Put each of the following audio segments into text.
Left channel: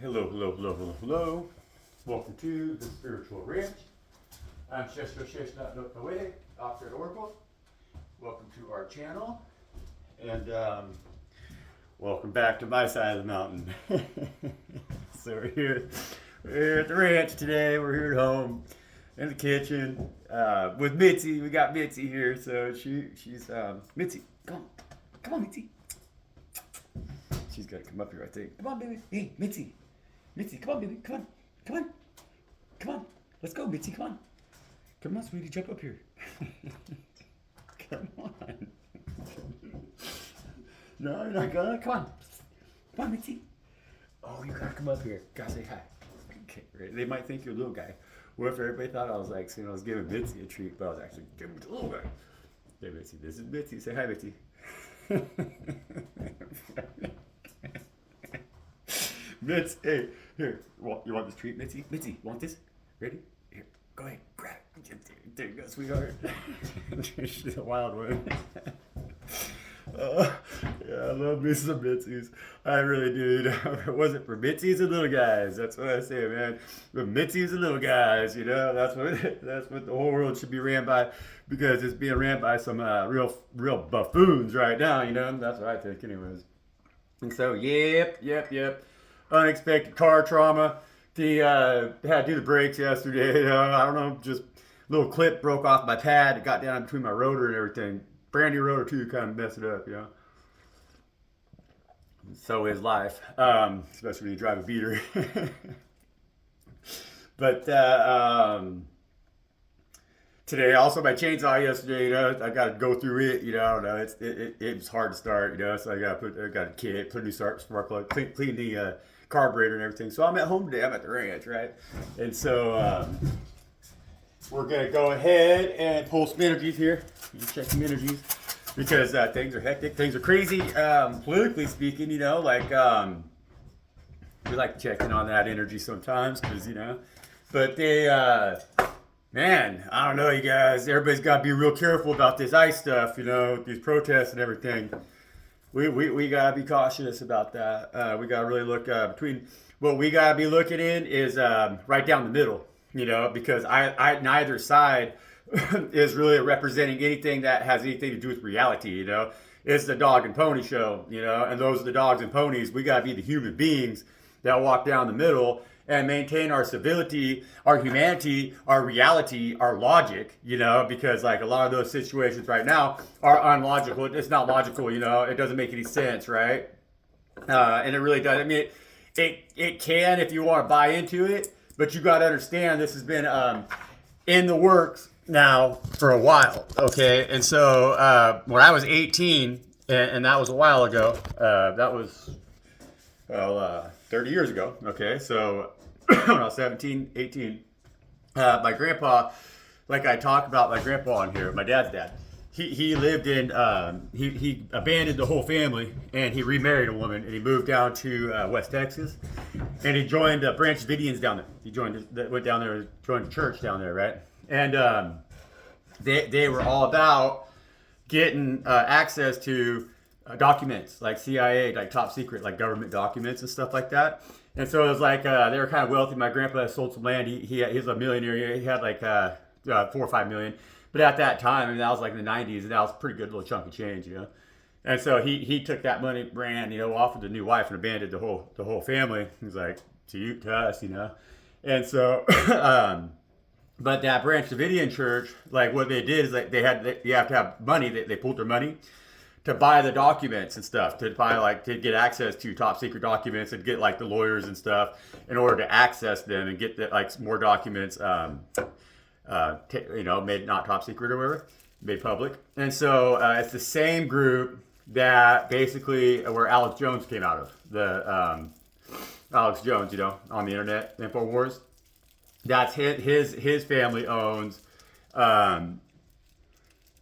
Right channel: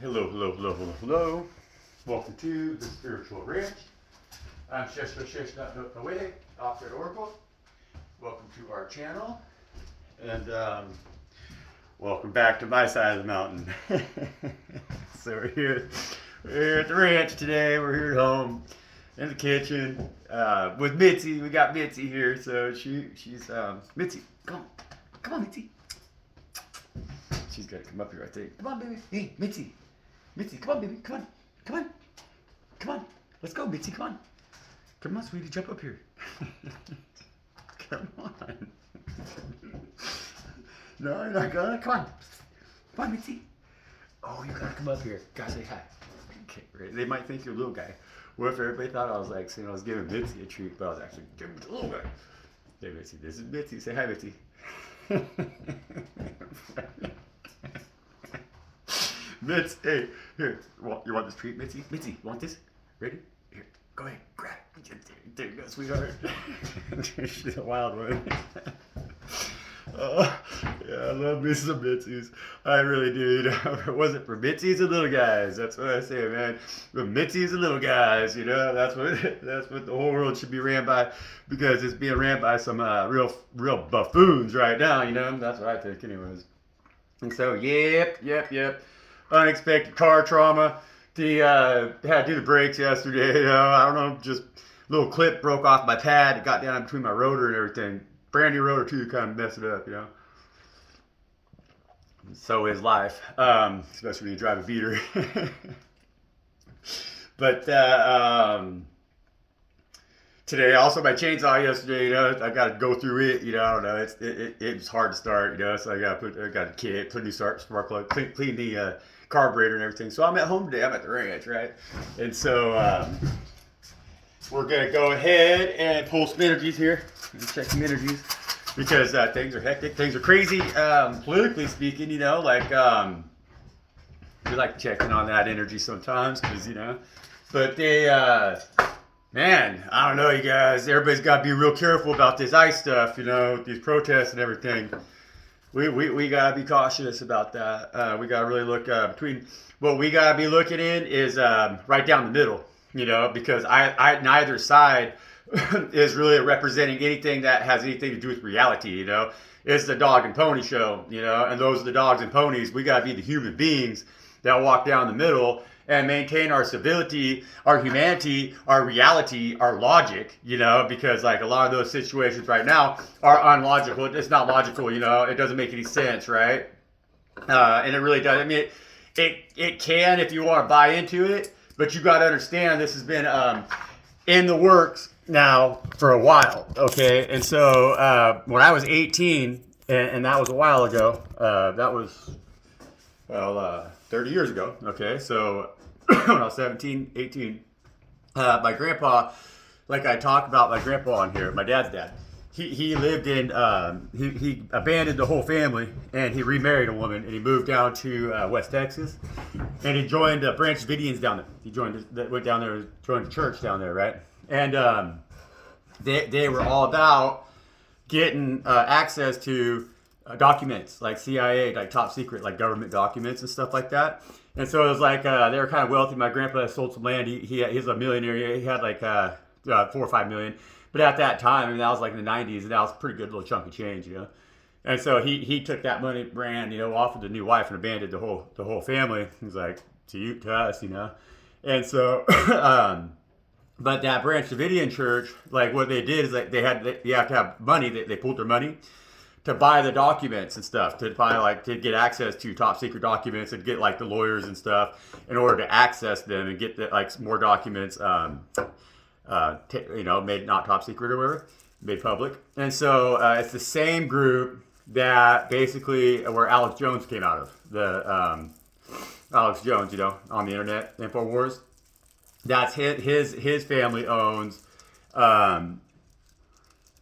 Hello, hello, hello, hello, hello. Welcome to the Spiritual Ranch. I'm Shesh.away, Alfred Oracle. Welcome to our channel. And welcome back to my side of the mountain. So we're at the ranch today. We're here at home in the kitchen with Mitzi. We got Mitzi here. So she's Mitzi. Come on, Mitzi. She's got to come up here, I think. Come on, baby. Hey, Mitzi. Mitzi, come on, baby. Come on. Let's go, Mitzi. Come on, sweetie. Jump up here. Come on. No, you're not gonna. Come on, Mitzi. Oh, you gotta come up here. Gotta say hi. Okay, right. They might think you're a little guy. What if everybody thought I was like, saying I was giving Mitzi a treat, but I was actually giving it a little guy. Hey, Mitzi. This is Mitzi. Say hi, Mitzi. Mitz, hey, here. You want this treat, Mitzi? Mitzi, you want this? Ready? Here, go ahead, grab. Take that, sweetheart. She's a wild one. Oh, yeah, I love me some Mitzies. I really do. You know, if it wasn't for Mitzies and little guys, that's what I say, man. The Mitzies and little guys, you know, that's what the whole world should be ran by, because it's being ran by some real buffoons right now, you know. That's what I think, anyways. And so, yep. Unexpected car trauma. Had to do the brakes yesterday. You know, I don't know, just a little clip broke off my pad. It got down between my rotor and everything. Brand new rotor too, kind of messed it up, you know. So is life, especially when you drive a beater. But today, also my chainsaw yesterday, you know, I got to go through it, you know. I don't know, it's hard to start, you know. So I got a kit, put a new spark plug, clean the carburetor and everything. So I'm at home today. I'm at the ranch, right? And so we're gonna go ahead and pull some energies here. Let's check some energies, because things are hectic, things are crazy. Politically speaking, you know, like we like to check in on that energy sometimes, because you know. But man, I don't know, you guys. Everybody's got to be real careful about this ICE stuff, you know, these protests and everything. We gotta be cautious about that. We gotta really look between. What we gotta be looking in is right down the middle, you know, because I neither side is really representing anything that has anything to do with reality, you know. It's the dog and pony show, you know, and those are the dogs and ponies. We gotta be the human beings that walk down the middle and maintain our civility, our humanity, our reality, our logic, you know, because like a lot of those situations right now are unlogical. It's not logical, you know, it doesn't make any sense, right? And it really does. I mean, it can if you want to buy into it, but you got to understand this has been in the works now for a while, okay? And so when I was 18, and that was a while ago, that was, 30 years ago, okay? So when I was 17, 18, my grandpa, like I talked about my grandpa on here, my dad's dad, he lived in, he abandoned the whole family, and he remarried a woman, and he moved down to West Texas, and he joined Branch Davidians down there. He went down there, joined the church down there, right? And they were all about getting access to documents, like CIA, like top secret, like government documents and stuff like that. And so it was like they were kind of wealthy. My grandpa sold some land. He's a millionaire. He had like 4 or 5 million. But at that time, I mean, that was like in the 90s, and that was a pretty good little chunk of change, you know. And so he took that money, ran, you know, offered a new wife, and abandoned the whole family. He was like, to us, you know. And so, but that Branch Davidian church, like what they did is like you have to have money. They pulled their money to buy the documents and stuff, to get access to top secret documents, and get like the lawyers and stuff in order to access them and get like more documents, you know, made not top secret or whatever, made public. And so it's the same group that basically where Alex Jones came out of, the Alex Jones, you know, on the internet, InfoWars. That's his family owns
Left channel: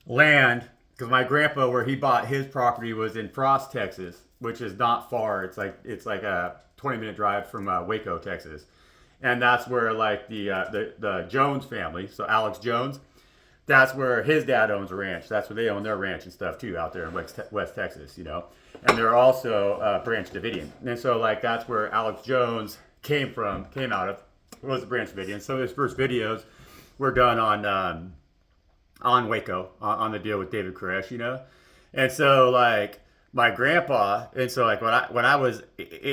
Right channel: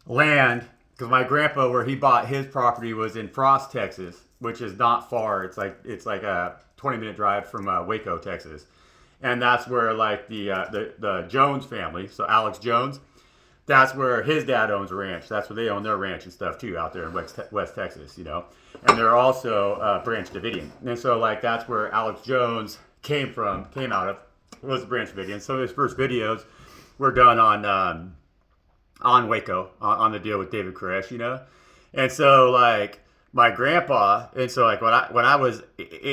land. Because my grandpa, where he bought his property, was in Frost, Texas, which is not far. It's like a 20-minute drive from Waco, Texas, and that's where like the Jones family, so Alex Jones, that's where his dad owns a ranch. That's where they own their ranch and stuff too, out there in West Texas, you know. And they're also Branch Davidian, and so like that's where Alex Jones came out of was the Branch Davidians. So his first videos were done on Waco, on the deal with David Koresh, you know. And so like my grandpa, and so like when I was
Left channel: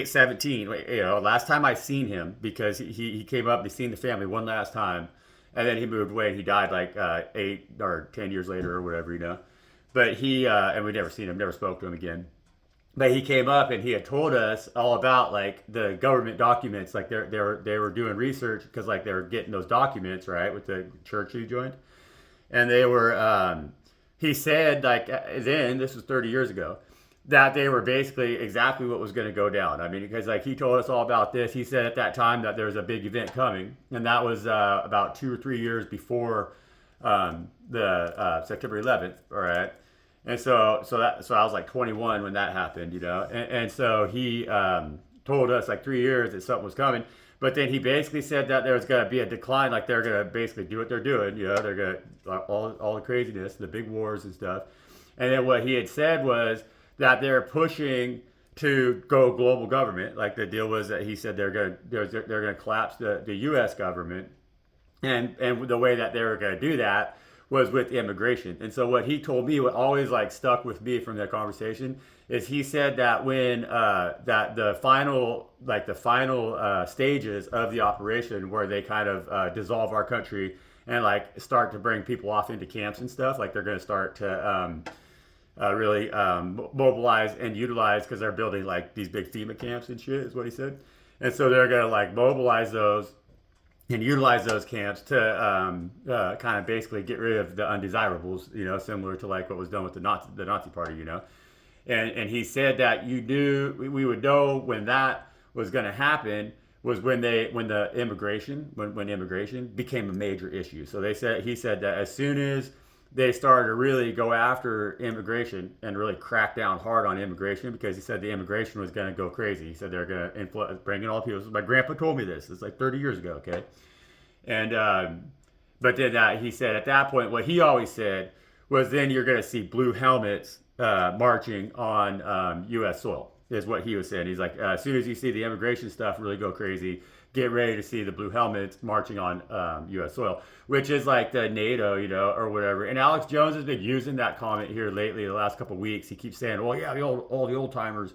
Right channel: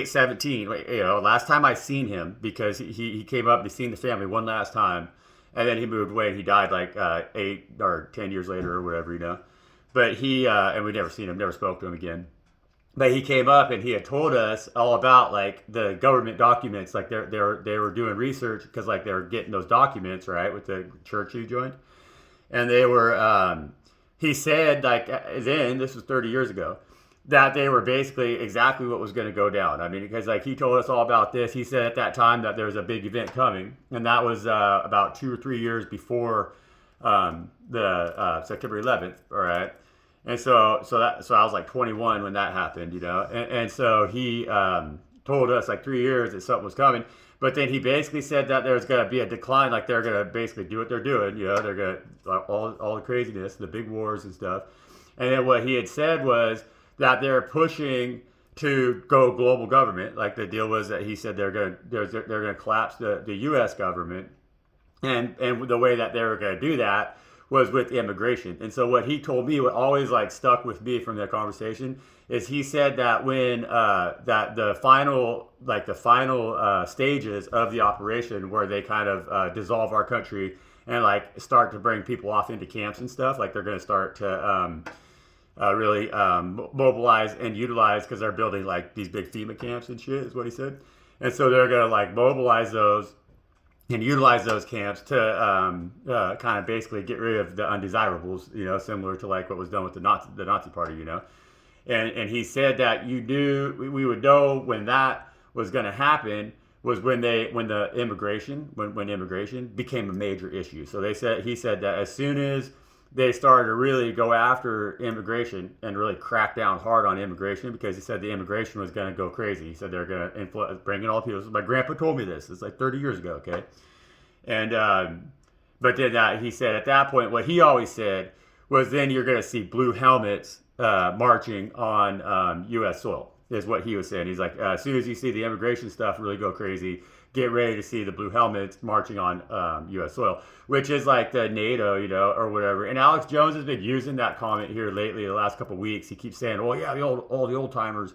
17, you know, last time I seen him, because he came up and he seen the family one last time, and then he moved away and he died like 8 or 10 years later or whatever, you know. But he and we never seen him, never spoke to him again. But he came up and he had told us all about like the government documents, like they were doing research because like they were getting those documents, right, with the church he joined, and they were. He said like then, this was 30 years ago, that they were basically exactly what was going to go down. I mean, because like he told us all about this. He said at that time that there was a big event coming, and that was about 2 or 3 years before the September 11th. All right. And so I was like 21 when that happened, you know, and so he told us like 3 years that something was coming, but then he basically said that there was going to be a decline, like they're going to basically do what they're doing, you know, they're going to all the craziness, the big wars and stuff, and then what he had said was that they're pushing to go global government, like the deal was that he said they're going to collapse the U.S. government, and the way that they were going to do that was with immigration. And so what he told me, what always like stuck with me from that conversation, is he said that when that the final stages of the operation, where they kind of dissolve our country and like start to bring people off into camps and stuff, like they're going to start to really mobilize and utilize, because they're building like these big FEMA camps and shit, is what he said. And so they're going to like mobilize those and utilize those camps to kind of basically get rid of the undesirables, you know, similar to like what was done with the Nazi Party, you know. And he said that we would know when that was going to happen was when immigration became a major issue. So he said that as soon as they started to really go after immigration and really crack down hard on immigration, because he said the immigration was going to go crazy. He said they're going to bring in all people. My grandpa told me this. It's like 30 years ago, okay? And but then he said at that point, what he always said was, then you're going to see blue helmets marching on U.S. soil, is what he was saying. He's like, as soon as you see the immigration stuff really go crazy, get ready to see the blue helmets marching on U.S. soil, which is like the NATO, you know, or whatever. And Alex Jones has been using that comment here lately, the last couple of weeks. He keeps saying, oh, yeah, all the old timers,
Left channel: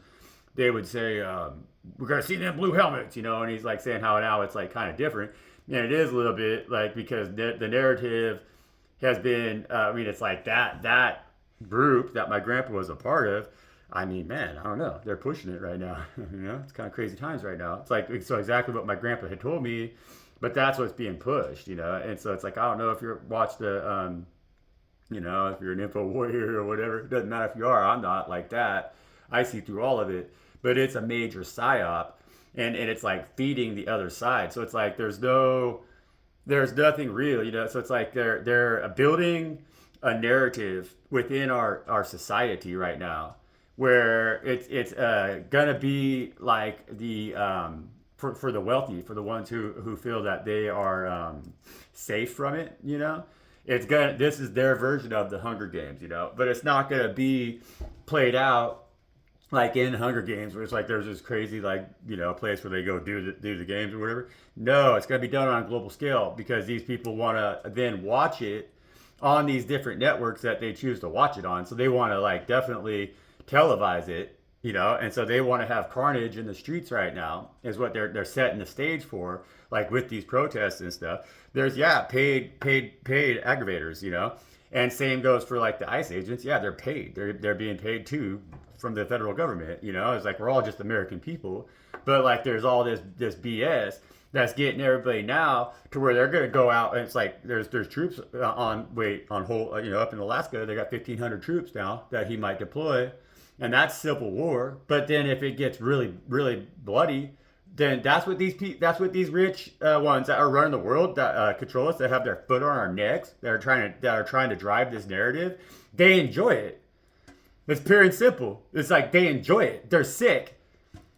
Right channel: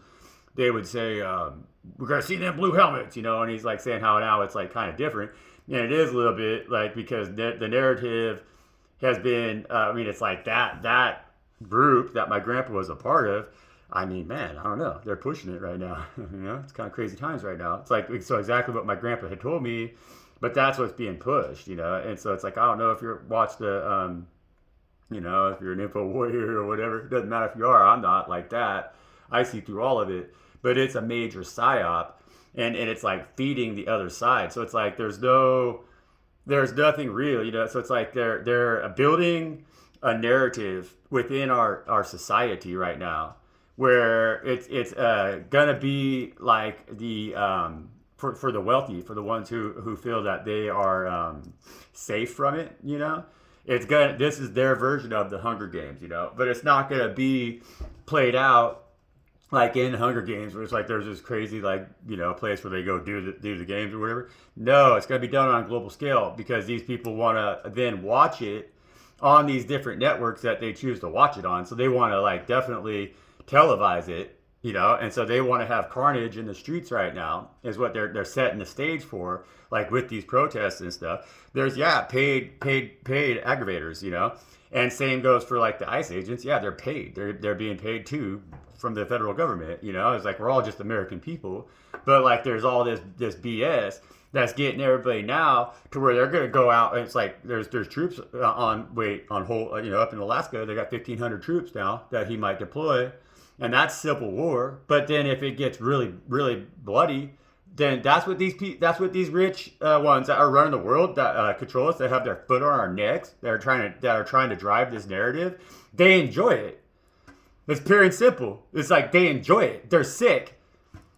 they would say, we're going to see them blue helmets, you know, and he's like saying how now it's like kind of different. And it is a little bit like, because the narrative has been, I mean, it's like that group that my grandpa was a part of. I mean, man, I don't know. They're pushing it right now. You know, it's kind of crazy times right now. It's like, so exactly what my grandpa had told me, but that's what's being pushed, you know? And so it's like, I don't know if you watch the, you know, if you're an info warrior or whatever, it doesn't matter if you are, I'm not like that. I see through all of it, but it's a major psyop, and it's like feeding the other side. So it's like, there's nothing real, you know? So it's like they're building a narrative within our society right now, where it's gonna be like the for the wealthy, for the ones who feel that they are safe from it, you know. This is their version of the Hunger Games, you know, but it's not gonna be played out like in Hunger Games, where it's like there's this crazy, like, you know, place where they go do the games or whatever. No, it's gonna be done on a global scale, because these people want to then watch it on these different networks that they choose to watch it on. So they want to like definitely televise it, you know, and so they want to have carnage in the streets right now, is what they're setting the stage for, like with these protests and stuff. There's paid aggravators, you know, and same goes for like the ICE agents. Yeah, they're paid. They're being paid too from the federal government, you know. It's like we're all just American people, but like there's all this BS that's getting everybody now to where they're going to go out, and it's like there's troops on hold, you know, up in Alaska. They got 1,500 troops now that he might deploy, and that's civil war. But then if it gets really, really bloody, then that's what these rich ones that are running the world, that control us, that have their foot on our necks, that are trying to drive this narrative. They enjoy it. It's pure and simple. It's like they enjoy it. They're sick,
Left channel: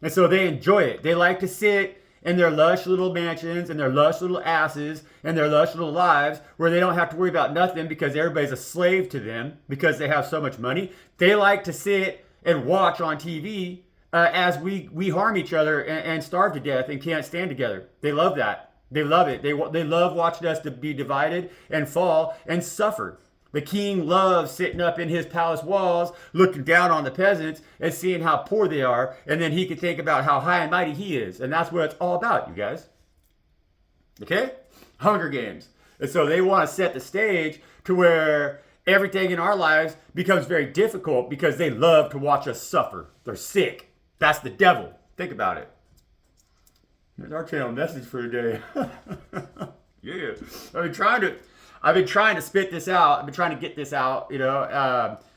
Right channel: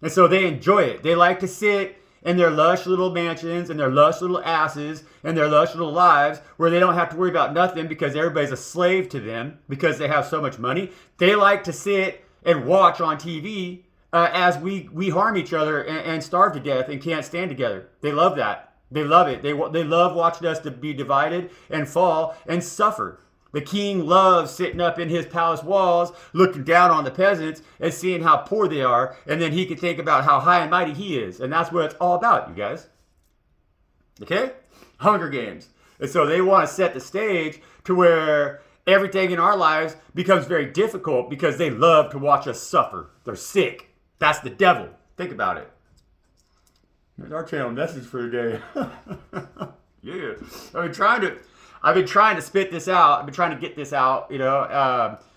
and so they enjoy it. They like to sit in their lush little mansions and their lush little asses and their lush little lives, where they don't have to worry about nothing because everybody's a slave to them because they have so much money. They like to sit and watch on TV as we harm each other and starve to death and can't stand together. They love that. They love it. They love watching us to be divided and fall and suffer. The king loves sitting up in his palace walls, looking down on the peasants and seeing how poor they are, and then he can think about how high and mighty he is. And that's what it's all about, you guys. Okay? Hunger Games. And so they want to set the stage to where everything in our lives becomes very difficult because they love to watch us suffer. They're sick. That's the devil. Think about it. There's our channel message for today. Yeah. I've been trying to spit this out. I've been trying to get this out,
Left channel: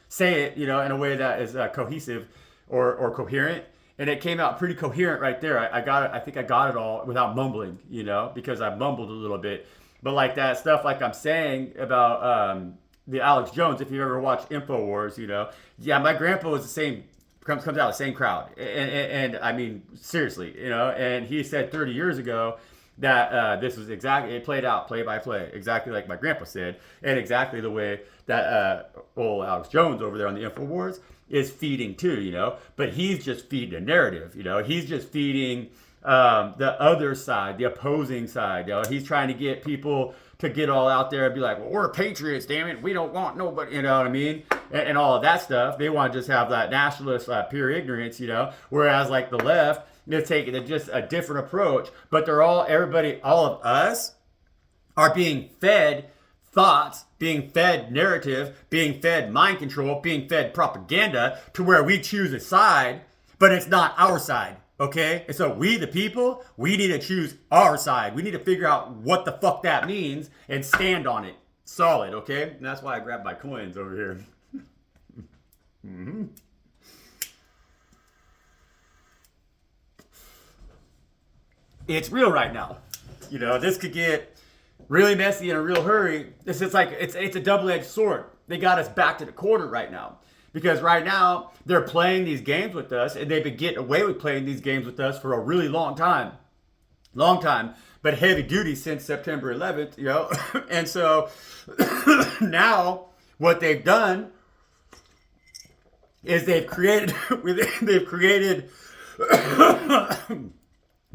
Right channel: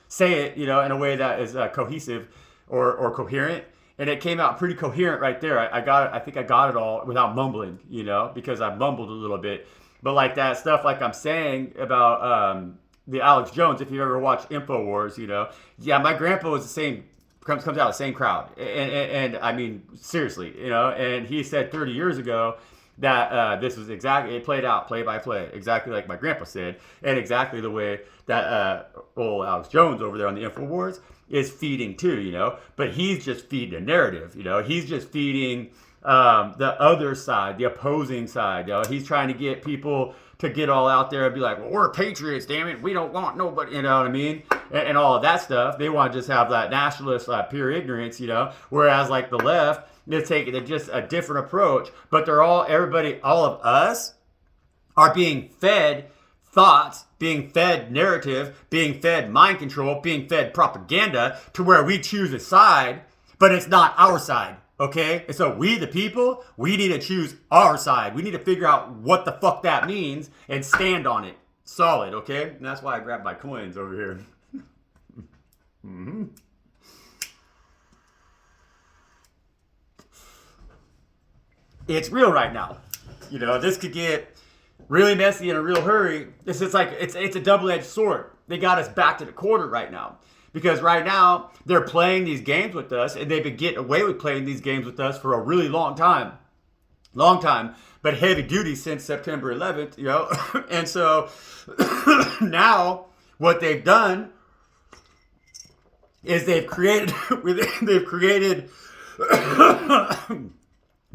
say it, in a way that is cohesive or coherent. And it came out pretty coherent right there. I got it. I think I got it all without mumbling, because I mumbled a little bit. But like that stuff, like I'm saying about the Alex Jones, if you ever watched InfoWars, yeah, my grandpa was the same, comes out of the same crowd. And I mean, seriously, and he said 30 years ago that this was exactly, it played out play by play, exactly like my grandpa said, and exactly the way that old Alex Jones over there on the InfoWars is feeding too, but he's just feeding a narrative, he's just feeding the other side, the opposing side, he's trying to get people to get all out there and be like, well, we're patriots, damn it, we don't want nobody, you know what I mean, and all of that stuff. They want to just have that nationalist pure ignorance, whereas like the left, they're taking just a different approach, but all of us are being fed thoughts, being fed narrative, being fed mind control, being fed propaganda to where we choose a side, but it's not our side, okay? And so we, the people, we need to choose our side. We need to figure out what the fuck that means and stand on it solid, okay? And that's why I grabbed my coins over here. Mm-hmm. It's real right now. This could get really messy in a real hurry. It's a double-edged sword. They got us back to the corner right now. Because right now, they're playing these games with us, and they've been getting away with playing these games with us for a really long time. Long time, but heavy duty since September 11th, And so now what they've done is they've created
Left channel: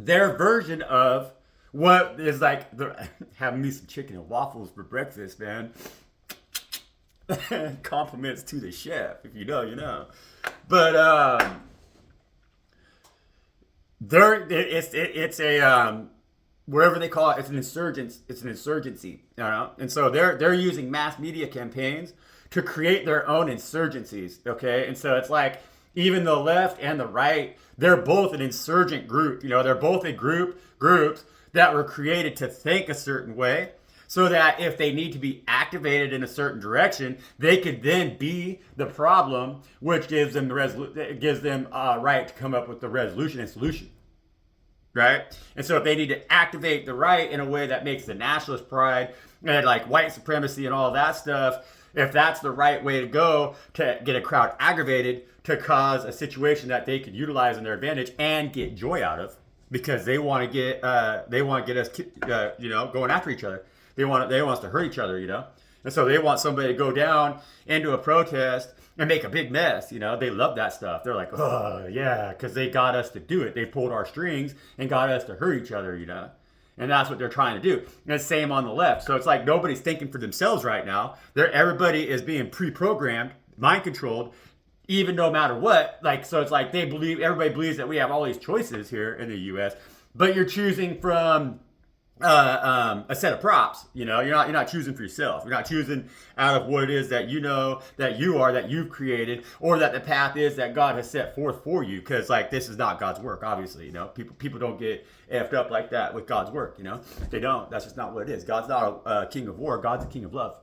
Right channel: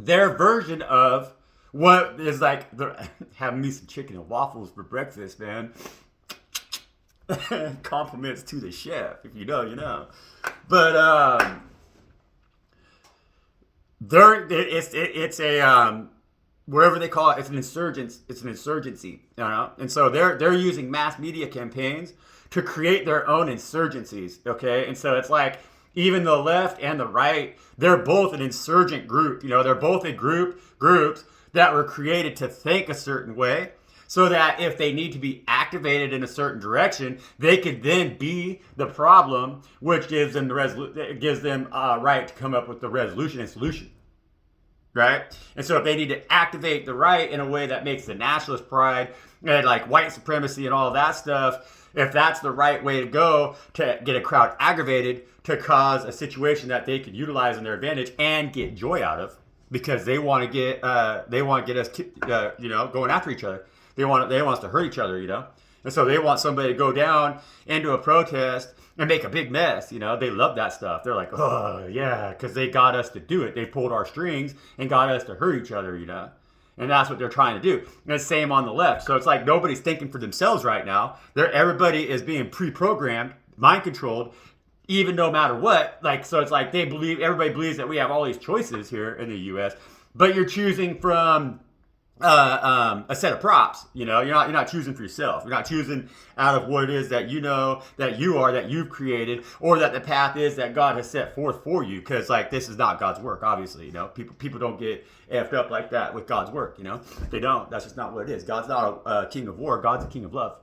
their version of what is like having me some chicken and waffles for breakfast, man. Compliments to the chef. If you know, you know. But it's a wherever they call it, it's an insurgence. It's an insurgency, and so they're using mass media campaigns to create their own insurgencies. Okay, and so it's like even the left and the right, they're both an insurgent group. They're both groups that were created to think a certain way, so that if they need to be activated in a certain direction, they could then be the problem, which gives them right to come up with the resolution and solution, right? And so if they need to activate the right in a way that makes the nationalist pride and like white supremacy and all that stuff, if that's the right way to go to get a crowd aggravated, to cause a situation that they could utilize in their advantage and get joy out of, because they want to get us going after each other. They want us to hurt each other, and so they want somebody to go down into a protest and make a big mess. They love that stuff. They're like, oh yeah, because they got us to do it. They pulled our strings and got us to hurt each other, and that's what they're trying to do. And it's the same on the left. So it's like nobody's thinking for themselves right now. Everybody is being pre-programmed, mind controlled, even no matter what. Like, so it's like everybody believes that we have all these choices here in the U.S., but you're choosing from a set of props. You're not choosing for yourself. You're not choosing out of what it is that that you've created, or that the path is that God has set forth for you. Because like this is not God's work, obviously. People don't get effed up like that with God's work. They don't. That's just not what it is. God's not a king of war. God's a king of love.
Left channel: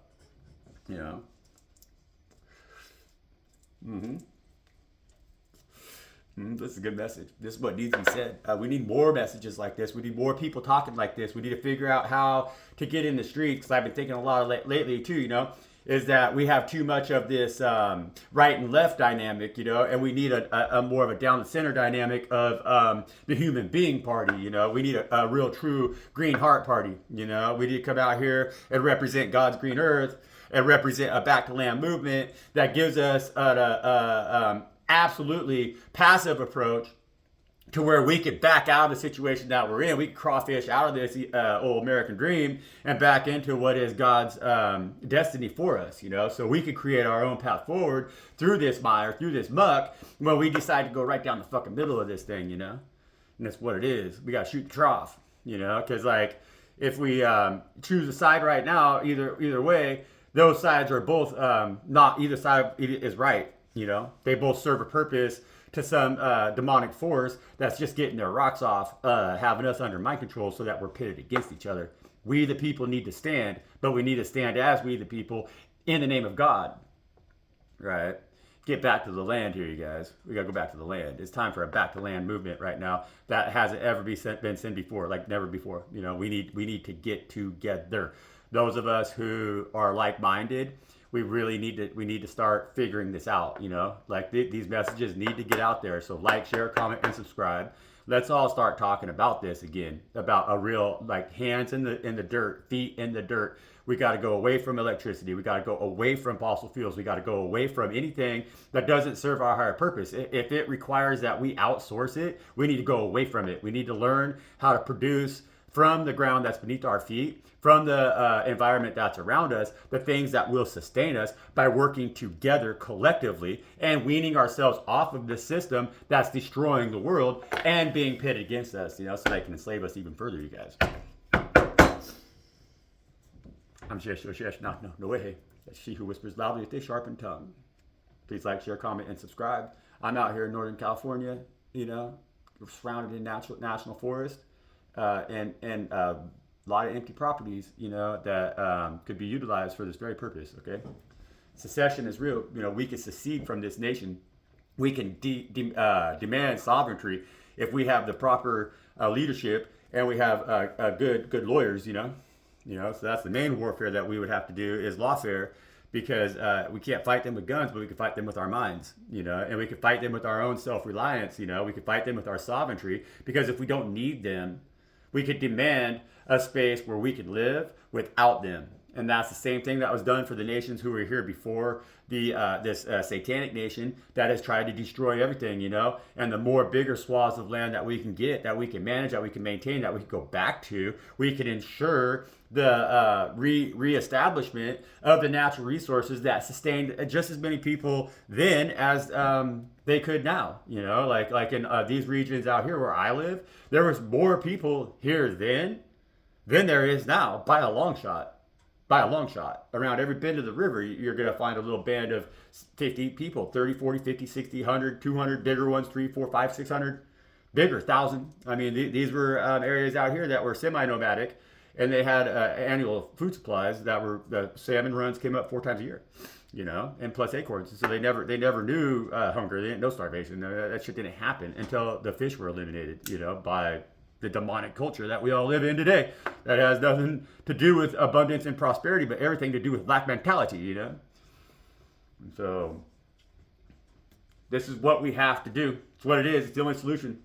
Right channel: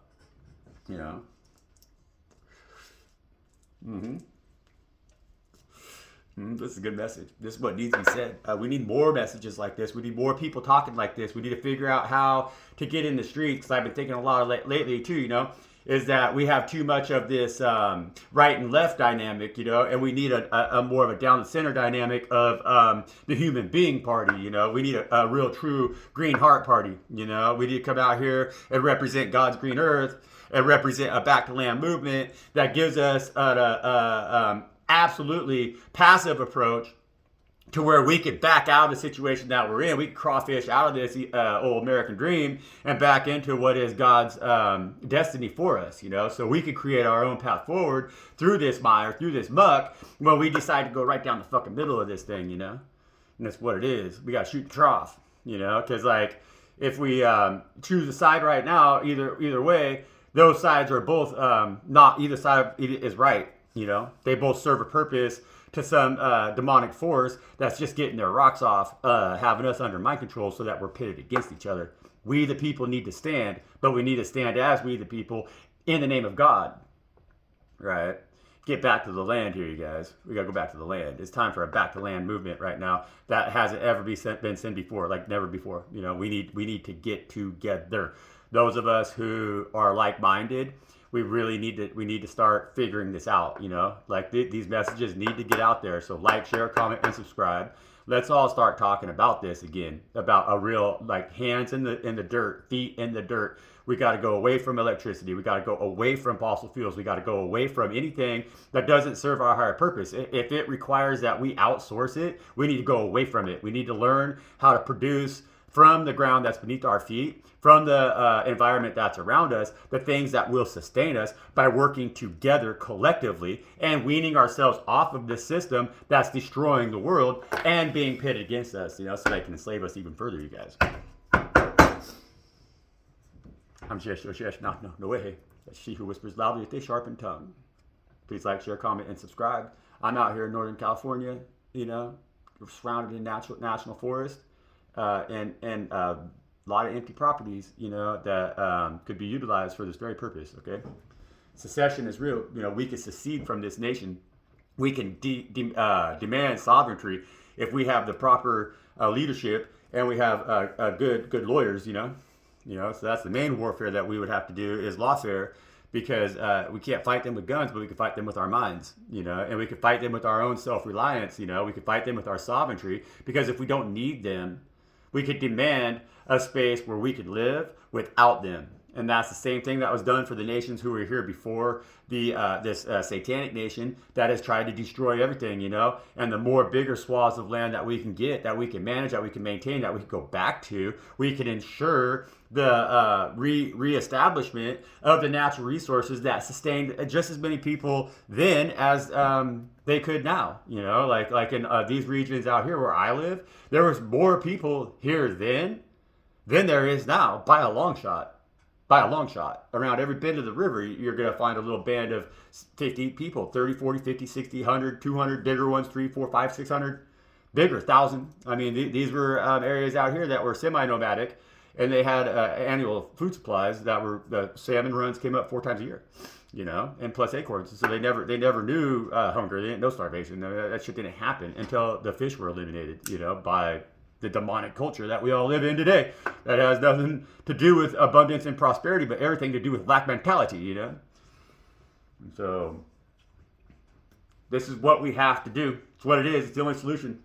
This is a good message. This is what needs to be said. We need more messages like this. We need more people talking like this. We need to figure out how to get in the streets. Because I've been thinking a lot of lately too, is that we have too much of this right and left dynamic, and we need a more of a down the center dynamic of the human being party. We need a real true green heart party. We need to come out here and represent God's green earth and represent a back to land movement that gives us absolutely passive approach to where we could back out of the situation that we're in. We could crawfish out of this old American dream and back into what is God's destiny for us, you know? So we could create our own path forward through this mire, through this muck, when we decide to go right down the fucking middle of this thing, you know? And that's what it is. We got to shoot the trough, you know? Because, like, if we choose a side right now, either way, those sides are both not, either side is right, you know? They both serve a purpose to some demonic force that's just getting their rocks off, having us under mind control so that we're pitted against each other. We the people need to stand, but we need to stand as we the people in the name of God. Right? Get back to the land here, you guys. We got to go back to the land. It's time for a back to land movement right now that hasn't ever been seen before, like never before. You know, we need to get together. Those of us who are like-minded, we need to start figuring this out, you know, like these messages need to get out there. So like, share, comment, and subscribe. Let's all start talking about this again, about a real, like, hands in the dirt, feet in the dirt. We got to go away from electricity. We got to go away from fossil fuels. We got to go away from anything that doesn't serve our higher purpose. If it requires that we outsource it, we need to go away from it. We need to learn how to produce from the ground that's beneath our feet, from the environment that's around us, the things that will sustain us by working together collectively and weaning ourselves off of this system that's destroying the world and being pitted against us, you know, so they can enslave us even further, you guys. I'm Shesh, no way. That's she who whispers loudly with a sharpened tongue. Please like, share, comment, and subscribe. I'm out here in Northern California, you know, we're surrounded in national forest and a lot of empty properties, you know, that could be utilized for this very purpose, okay? Secession is real. You know, we can secede from this nation. We can demand sovereignty if we have the proper leadership and we have good lawyers, you know? So that's the main warfare that we would have to do is lawfare, because we can't fight them with guns, but we can fight them with our minds, you know, and we can fight them with our own self-reliance, you know, we can fight them with our sovereignty, because if we don't need them, we could demand a space where we could live without them. And that's the same thing that was done for the nations who were here before this satanic nation that has tried to destroy everything, you know. And the more bigger swaths of land that we can get, that we can manage, that we can maintain, that we can go back to, we can ensure the reestablishment of the natural resources that sustained just as many people then as they could now. You know, like in these regions out here where I live, there was more people here then than there is now by a long shot. By a long shot. Around every bend of the river, you're going to find a little band of 50 people, 30, 40, 50, 60, 100, 200, bigger ones, 3, 4, 5, 600, bigger, 1,000. I mean, these were areas out here that were semi-nomadic, and they had annual food supplies that were, the salmon runs came up 4 times a year, you know, and plus acorns. So they never knew hunger. They didn't know starvation. That shit didn't happen until the fish were eliminated, you know, by the demonic culture that we all live in today, that has nothing to do with abundance and prosperity, but everything to do with lack mentality, you know. And so this is what we have to do. It's what it is. It's the only solution.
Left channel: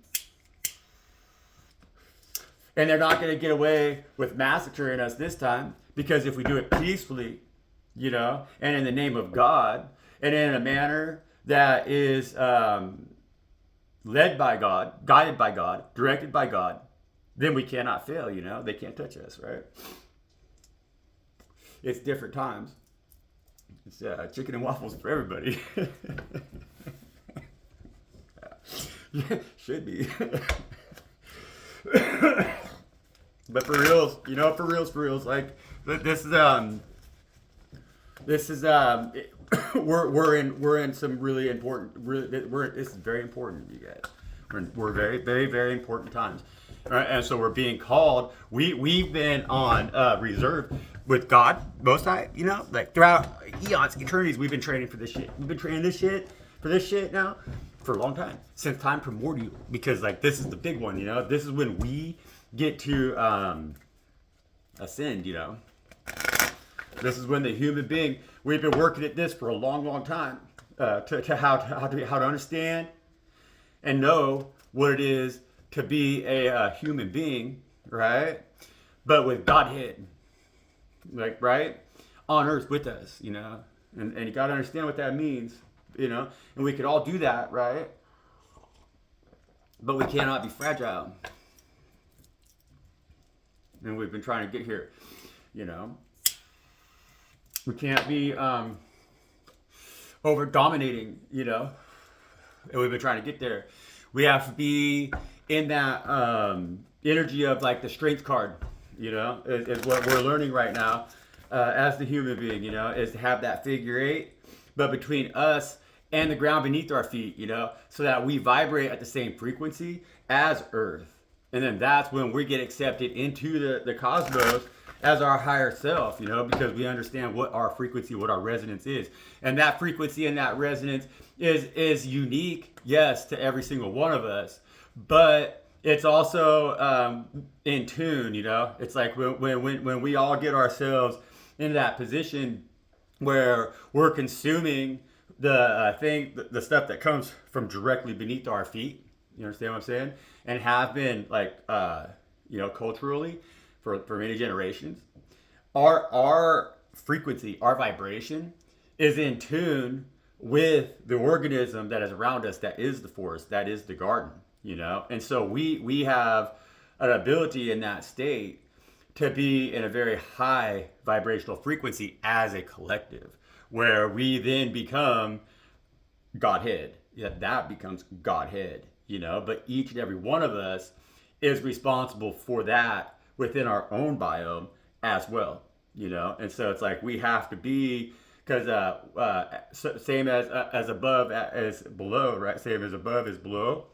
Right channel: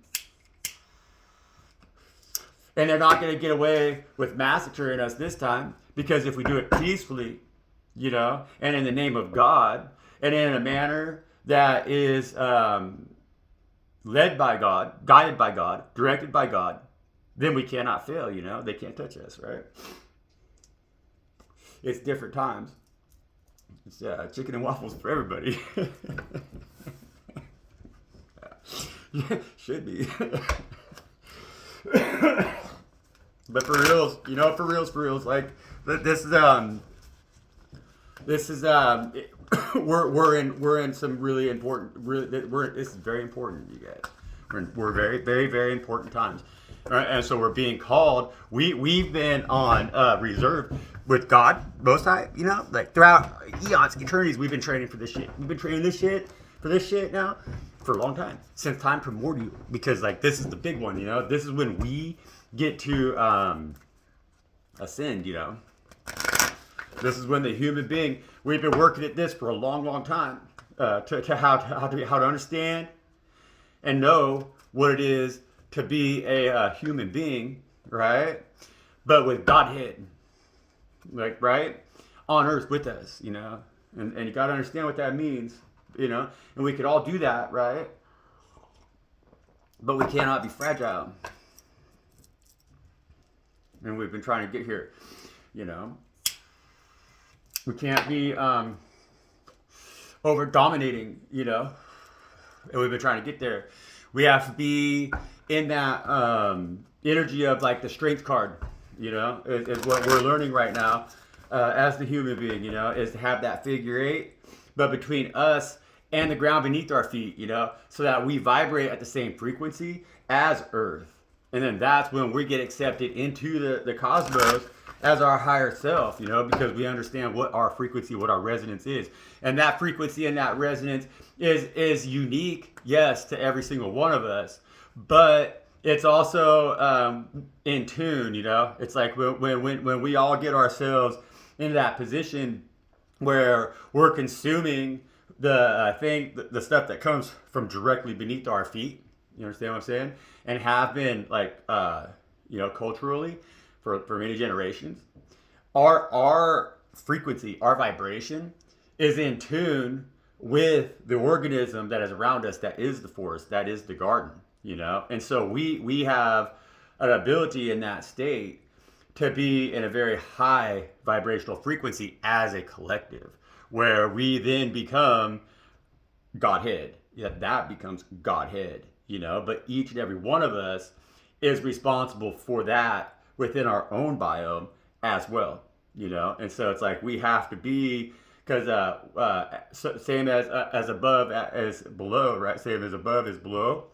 And they're not going to get away with massacring us this time, because if we do it peacefully, you know, and in the name of God, and in a manner that is led by God, guided by God, directed by God, then we cannot fail, you know. They can't touch us, right? It's different times. It's chicken and waffles for everybody. Should be. But for reals, you know, for reals, like this is we're in some really important. This is very important, you guys. We're very, very, very important times, and so we're being called. We've been on reserve with God Most High, you know, like throughout eons, eternities. We've been training for this shit. We've been training for this shit now for a long time, since time primordial. Because like this is the big one, you know. This is when we get to ascend, you know. This is when the human being, we've been working at this for a long, long time to how to understand and know what it is to be a human being, right? But with Godhead, like, right? On earth with us, you know? And you got to understand what that means. you know, and we could all do that, right? But we cannot be fragile. And we've been trying to get here, you know. We can't be over dominating, you know. And we've been trying to get there. We have to be in that energy of like the strength card, you know, is what we're learning right now as the human being, you know, is to have that figure eight, but between us and the ground beneath our feet, you know, so that we vibrate at the same frequency as Earth. And then that's when we get accepted into the cosmos as our higher self, you know, because we understand what our frequency, what our resonance is. And that frequency and that resonance is unique, yes, to every single one of us, but it's also in tune, you know. It's like when we all get ourselves in that position where we're consuming the stuff that comes from directly beneath our feet. You understand what I'm saying? And have been like, you know, culturally for many generations. Our frequency, our vibration is in tune with the organism that is around us, that is the forest, that is the garden, you know? And so we have an ability in that state to be in a very high vibrational frequency as a collective, where we then become Godhead. Yeah, that becomes Godhead, you know? But each and every one of us is responsible for that within our own biome as well, you know? And so it's like we have to be, because same as above as below, right? Same as above is below.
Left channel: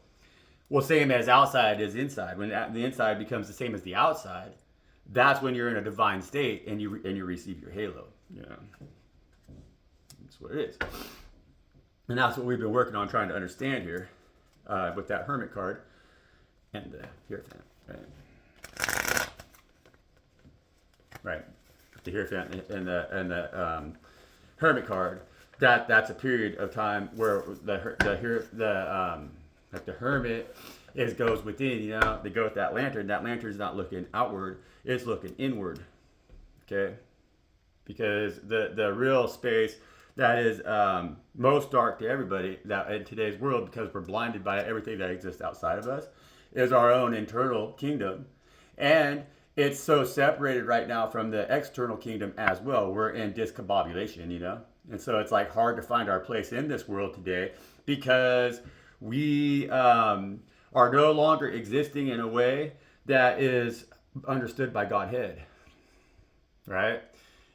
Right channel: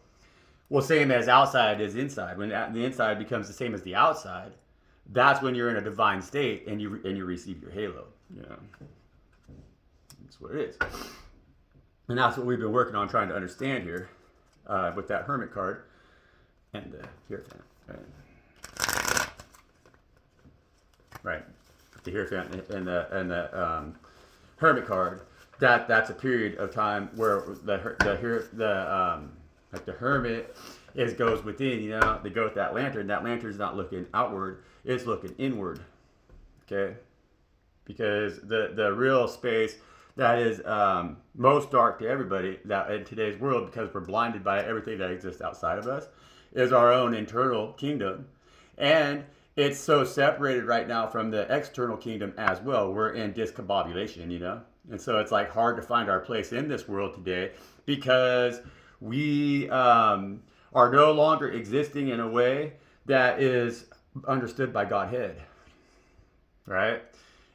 Well, same as outside is inside. When the inside becomes the same as the outside, that's when you're in a divine state and you receive your halo. You know, that's what it is, and that's what we've been working on trying to understand here with that Hermit card and Hierophant. Right, the Hierophant and the Hermit card. That's a period of time where like the hermit goes within, you know. They go with that lantern. That lantern's not looking outward, it's looking inward. Okay? Because the real space that is most dark to everybody that in today's world, because we're blinded by everything that exists outside of us, is our own internal kingdom. And it's so separated right now from the external kingdom as well. We're in discombobulation, you know? And so it's like hard to find our place in this world today because we are no longer existing in a way that is understood by Godhead, right?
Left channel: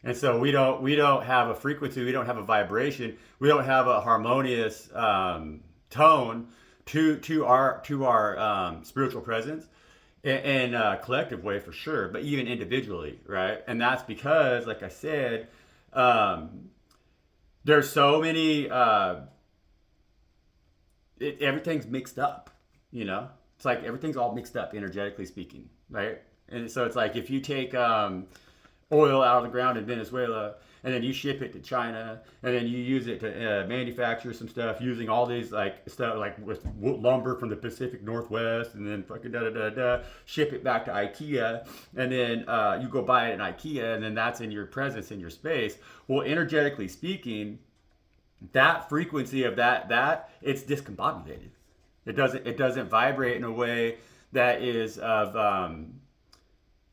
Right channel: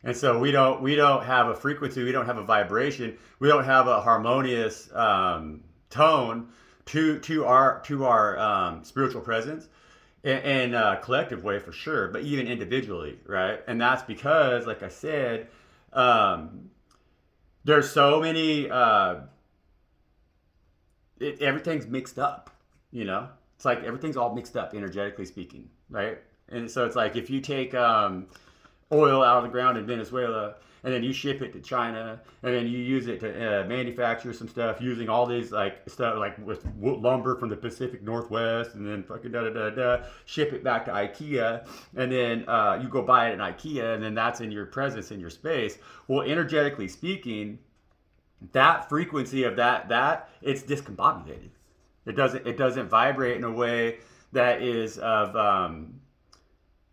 And so we don't have a frequency, we don't have a vibration, we don't have a harmonious tone to our spiritual presence in a collective way for sure, but even individually, right? And that's because, like I said, there's so many everything's mixed up, you know. It's like everything's all mixed up energetically speaking, right? And so it's like if you take oil out of the ground in Venezuela and then you ship it to China and then you use it to manufacture some stuff using all these like stuff like with lumber from the Pacific Northwest, and then fucking ship it back to IKEA, and then you go buy it in IKEA, and then that's in your presence in your space. Well, energetically speaking, that frequency of that it's discombobulated. It doesn't vibrate in a way that is of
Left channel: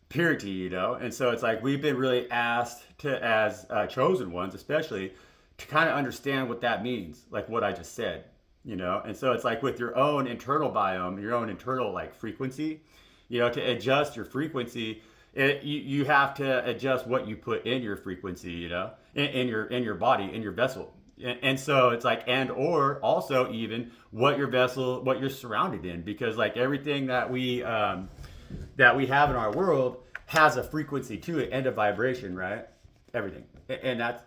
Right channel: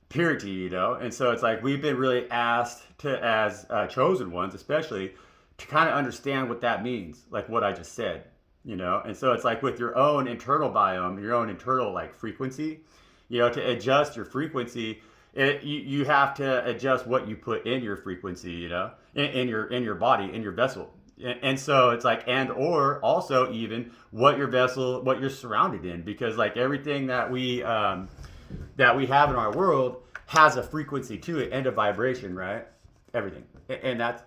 purity, you know. And so it's like we've been really asked to, as chosen ones especially, to kind of understand what that means, like what I just said, you know. And so it's like with your own internal biome, your own internal like frequency, you know, to adjust your frequency, you have to adjust what you put in your frequency, you know, in your body, in your vessel. And so it's like, and or also even what your vessel, what you're surrounded in, because like everything that we have in our world has a frequency to it and a vibration, right? Everything, and that's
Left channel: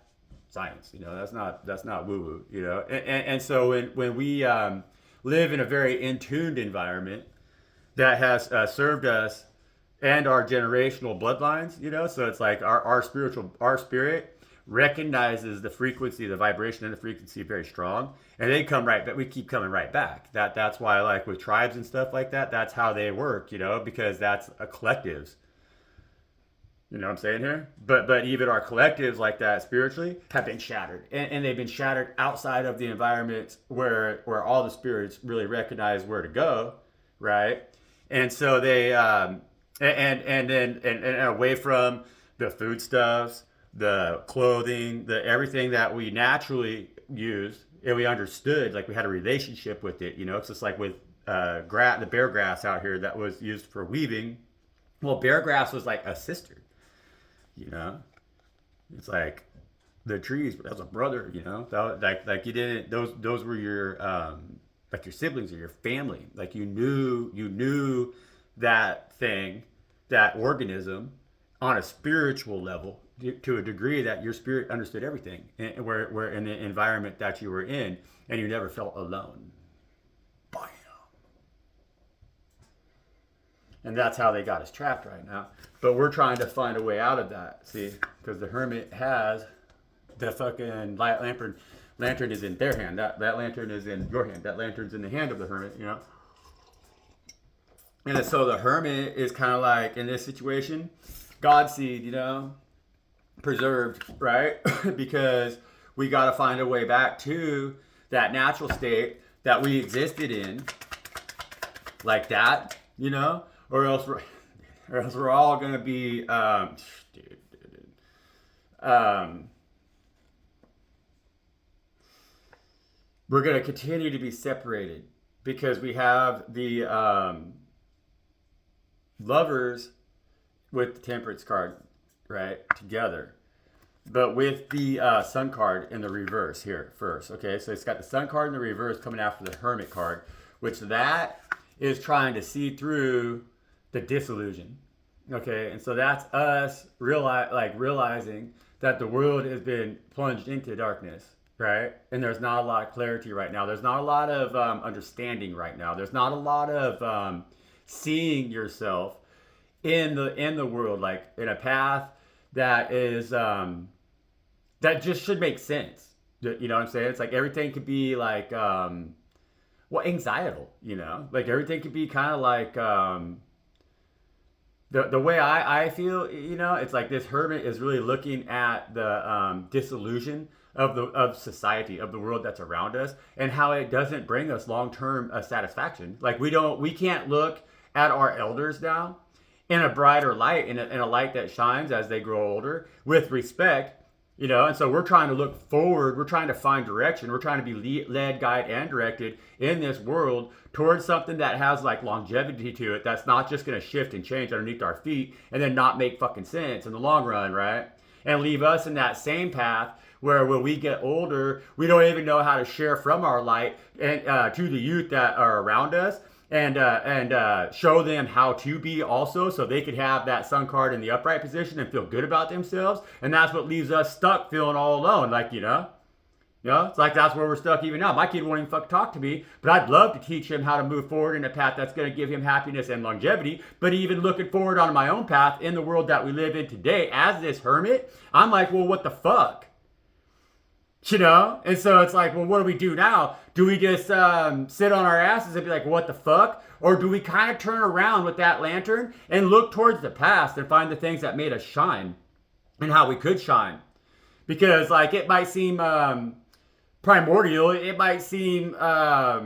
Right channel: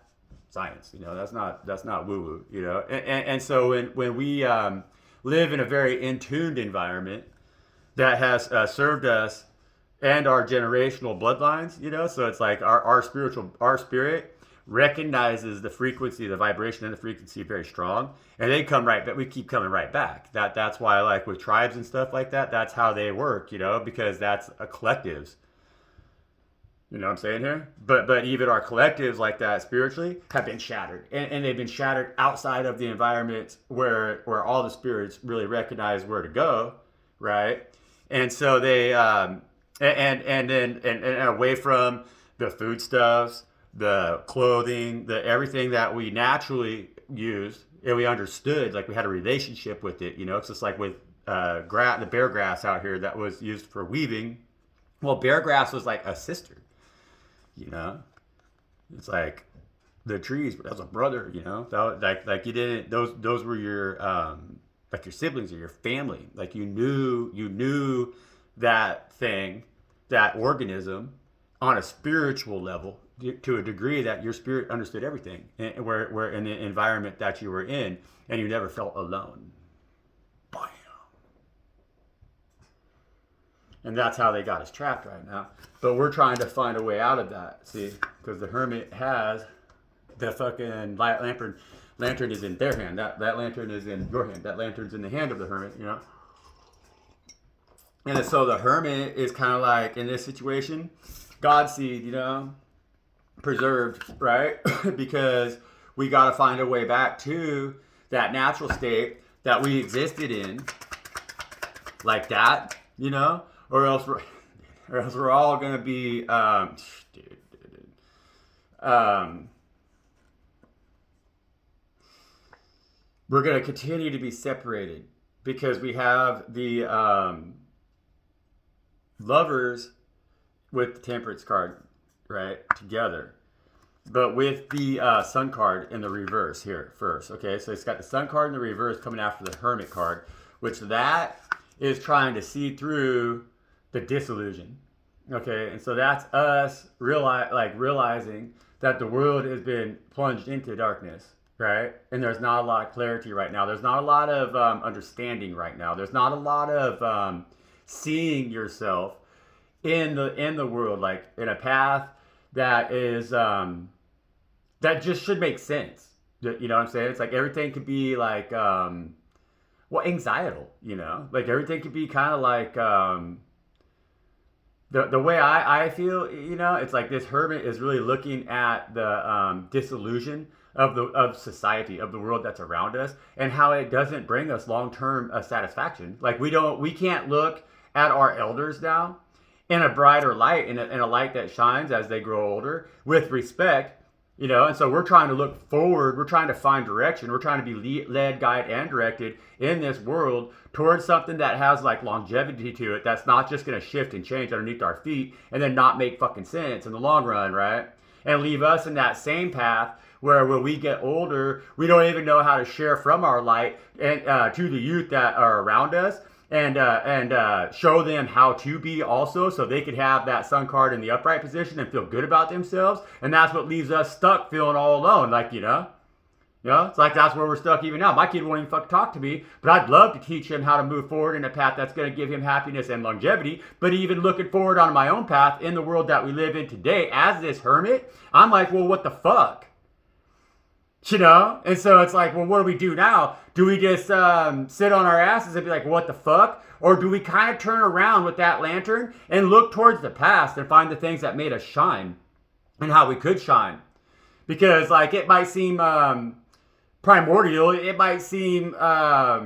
science, you know. That's not woo woo, you know. And so when we live in a very in tuned environment that has served us and our generational bloodlines, you know. So it's like our spirit recognizes the frequency, the vibration and the frequency very strong, and they come right back. We keep coming right back. That's why, like with tribes and stuff like that, that's how they work, you know, because that's a collectives. You know what I'm saying here? But even our collectives like that spiritually have been shattered. And they've been shattered outside of the environment where all the spirits really recognize where to go, right? And so they and away from the foodstuffs, the clothing, the everything that we naturally used and we understood, like we had a relationship with it, you know. It's just like with the bear grass out here that was used for weaving. Well, bear grass was like a sister, you know. It's like the trees, but as a brother, you know. Like you didn't those were your like your siblings or your family. Like you knew that thing, that organism, on a spiritual level to a degree that your spirit understood everything, and where in the environment that you were in, and you never felt alone. Bam. And that's how they got us trapped right now. But we're trying to find a way out of that, see? Because the hermit has the fucking lantern. Lantern is in their hand. That lantern is in your hand. That lantern's in the hand of the hermit, you know? And so the hermit is kind of like, in this situation, God seed, you know? Preserved, right? Because we got to find a way back to that natural state that we existed in, like that, you know? Or else we're all gonna be we're gonna continue to be separated because we have the lovers with the temperance card, right, together, but with the sun card in the reverse here first. Okay, so it's got the sun card in the reverse coming after the hermit card, which that is trying to see through the disillusion. Okay, and so that's us realizing that the world has been plunged into darkness, right? And there's not a lot of clarity right now. There's not a lot of understanding right now. There's not a lot of seeing yourself in the world, like in a path that is that just should make sense. You know what I'm saying? It's like everything could be like anxietal, you know, like everything could be kind of like the way I feel, you know, it's like this hermit is really looking at the disillusion of society, of the world that's around us, and how it doesn't bring us long-term satisfaction. Like we can't look at our elders now in a brighter light, in a light that shines as they grow older, with respect, you know. And so we're trying to look forward. We're trying to find direction. We're trying to be led, guided, and directed in this world towards something that has like longevity to it. That's not just going to shift and change underneath our feet and then not make fucking sense in the long run, right? And leave us in that same path where when we get older, we don't even know how to share from our light and to the youth that are around us. And show them how to be also, so they could have that sun card in the upright position and feel good about themselves. And that's what leaves us stuck feeling all alone. Like, you know, it's like that's where we're stuck even now. My kid won't even fucking talk to me, but I'd love to teach him how to move forward in a path that's going to give him happiness and longevity. But even looking forward on my own path in the world that we live in today as this hermit, I'm like, well, what the fuck? You know? And so it's like, well, what do we do now? Do we just sit on our asses and be like, what the fuck? Or do we kind of turn around with that lantern and look towards the past and find the things that made us shine and how we could shine? Because like it might seem primordial, it might seem a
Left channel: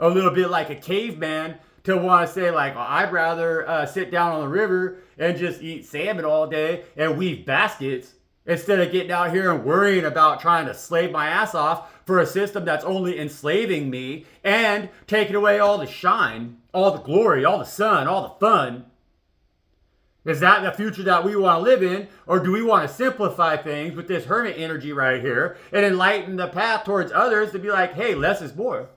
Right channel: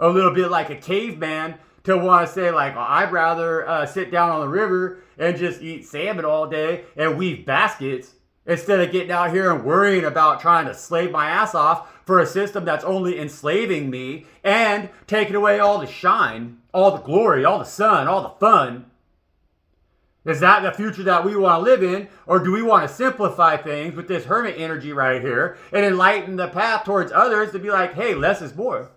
little bit like a caveman to want to say like, well, I'd rather sit down on the river and just eat salmon all day and weave baskets instead of getting out here and worrying about trying to slave my ass off for a system that's only enslaving me and taking away all the shine, all the glory, all the sun, all the fun. Is that the future that we want to live in? Or do we want to simplify things with this hermit energy right here and enlighten the path towards others to be like, hey, less is more.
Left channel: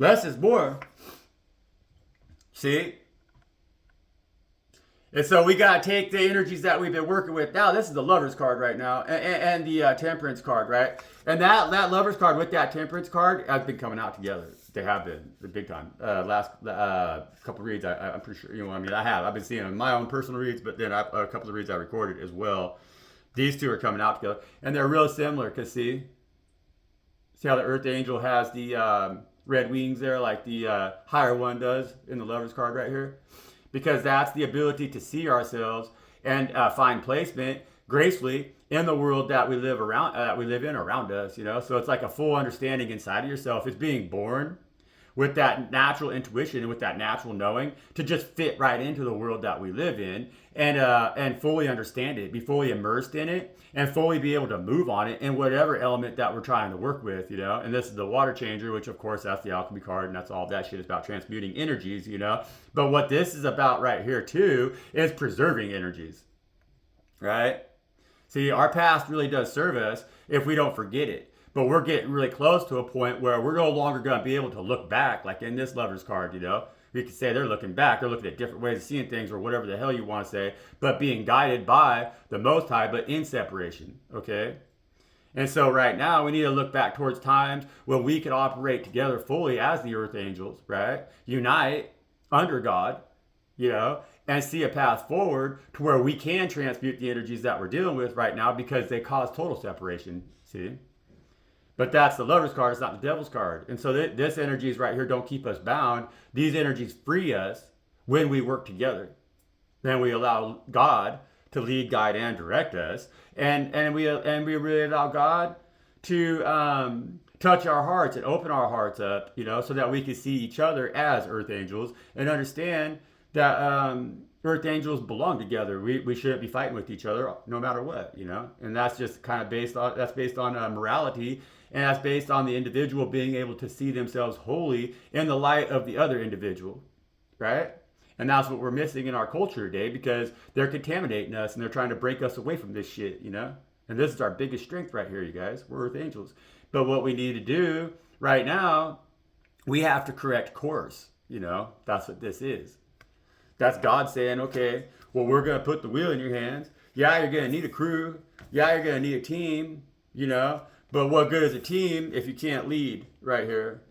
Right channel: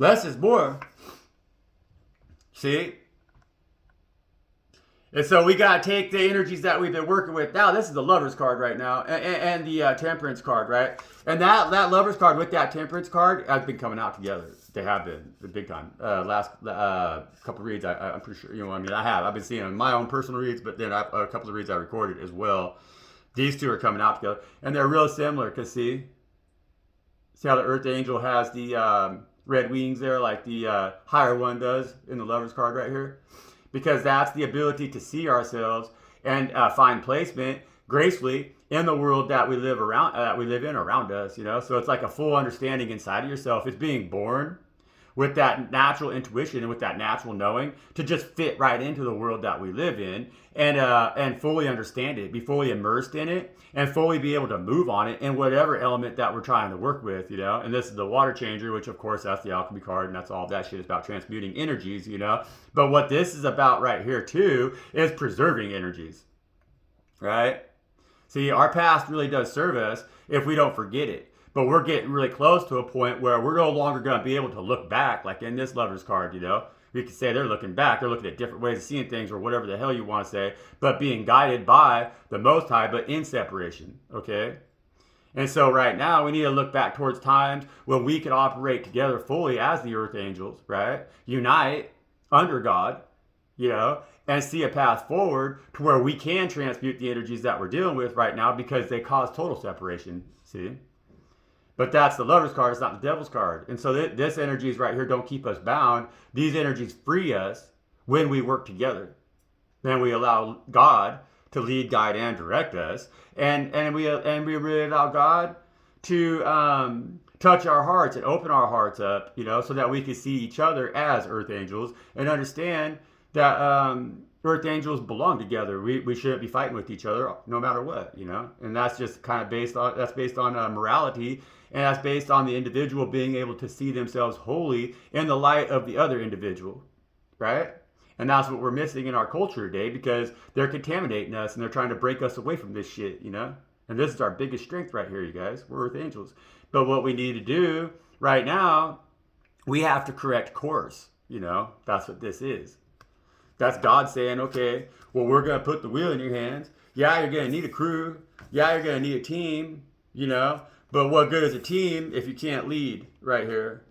Less is more. See? And so we got to take the energies that we've been working with. Now, this is the Lover's card right now, and the Temperance card, right? And that Lover's card with that Temperance card has been coming out together. They have been the big time. Last couple of reads, I'm pretty sure, you know, I mean, I've been seeing them in my own personal reads, but then a couple of reads I recorded as well. These two are coming out together, and they're real similar, because see how the Earth Angel has the red wings there, like the higher one does in the Lover's card right here? because that's the ability to see ourselves and find placement gracefully in the world that we live in around us. So it's like a full understanding inside of yourself. It's being born with that natural intuition and with that natural knowing to just fit right into the world that we live in, and fully understand it, be fully immersed in it, and fully be able to move on it in whatever element that we're trying to work with. And this is the water changer, which of course that's the alchemy card, and that's all that shit is about, transmuting energies. But what this is about right here too is preserving energies, right? See, our past really does serve us if we don't forget it. But we're getting really close to a point where we're no longer going to be able to look back, like in this Lover's card. We could say they're looking back, they're looking at different ways of seeing things, or whatever the hell you want to say, but being guided by the Most High, but in separation, okay? And so right now, we need to look back towards times when we can operate together fully as the Earth Angels, right? Unite under God, and see a path forward to where we can transmute the energies that we're dealing with right now, because they cause total separation, see? But that's the Lover's card, it's not the Devil's card. And so this energies right here don't keep us bound. These energies free us when we work together. Then we allow God to lead, guide, and direct us. And we really allow God to touch our hearts and open our hearts up, so that we can see each other as Earth Angels and understand that Earth Angels belong together. We shouldn't be fighting with each other no matter what, And that's just kind of based on morality. And that's based on the individual being able to see themselves wholly in the light of the other individual, right? And that's what we're missing in our culture today, because they're contaminating us and they're trying to break us away from this shit, And this is our biggest strength right here, you guys. We're Earth Angels. But what we need to do right now, we have to correct course, That's what this is. That's God saying, okay, well, we're going to put the wheel in your hands. Yeah, you're going to need a crew. Yeah, you're going to need a team, But what good is a team if you can't lead right here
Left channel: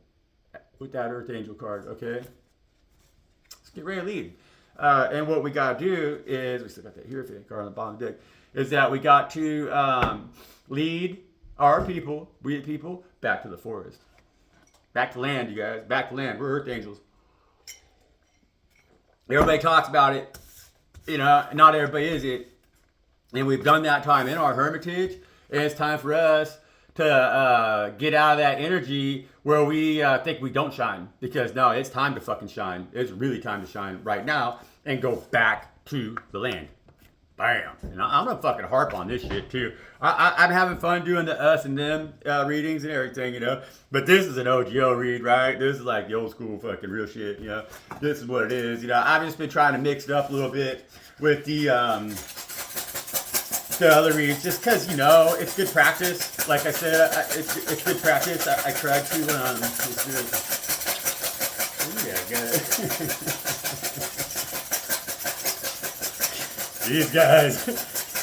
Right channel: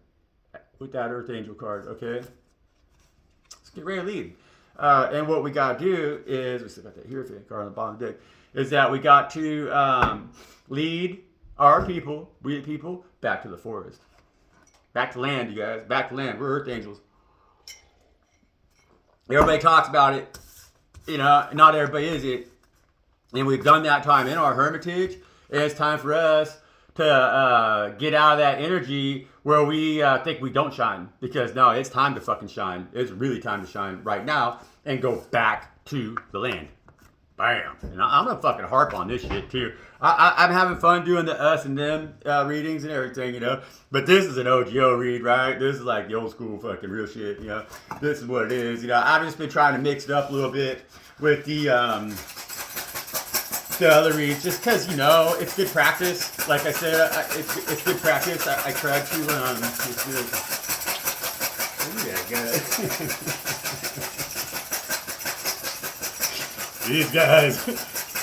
with that Earth Angel card, okay? Let's get ready to lead. And what we got to do is, we still got that Hierophant card on the bottom of the deck, is that we got to lead our people, we the people, back to the forest. Back to land, you guys. Back to land. We're Earth Angels. Everybody talks about it. Not everybody is it. And we've done that time in our hermitage. And it's time for us to get out of that energy where we think we don't shine. Because no, it's time to fucking shine. It's really time to shine right now and go back to the land. Bam. And I'm going to fucking harp on this shit too. I'm having fun doing the us and them readings and everything, But this is an OGO read, right? This is like the old school fucking real shit, This is what it is, I've just been trying to mix it up a little bit with the other reads, just because, it's good practice. Like I said, it's good practice. I tried to, These guys.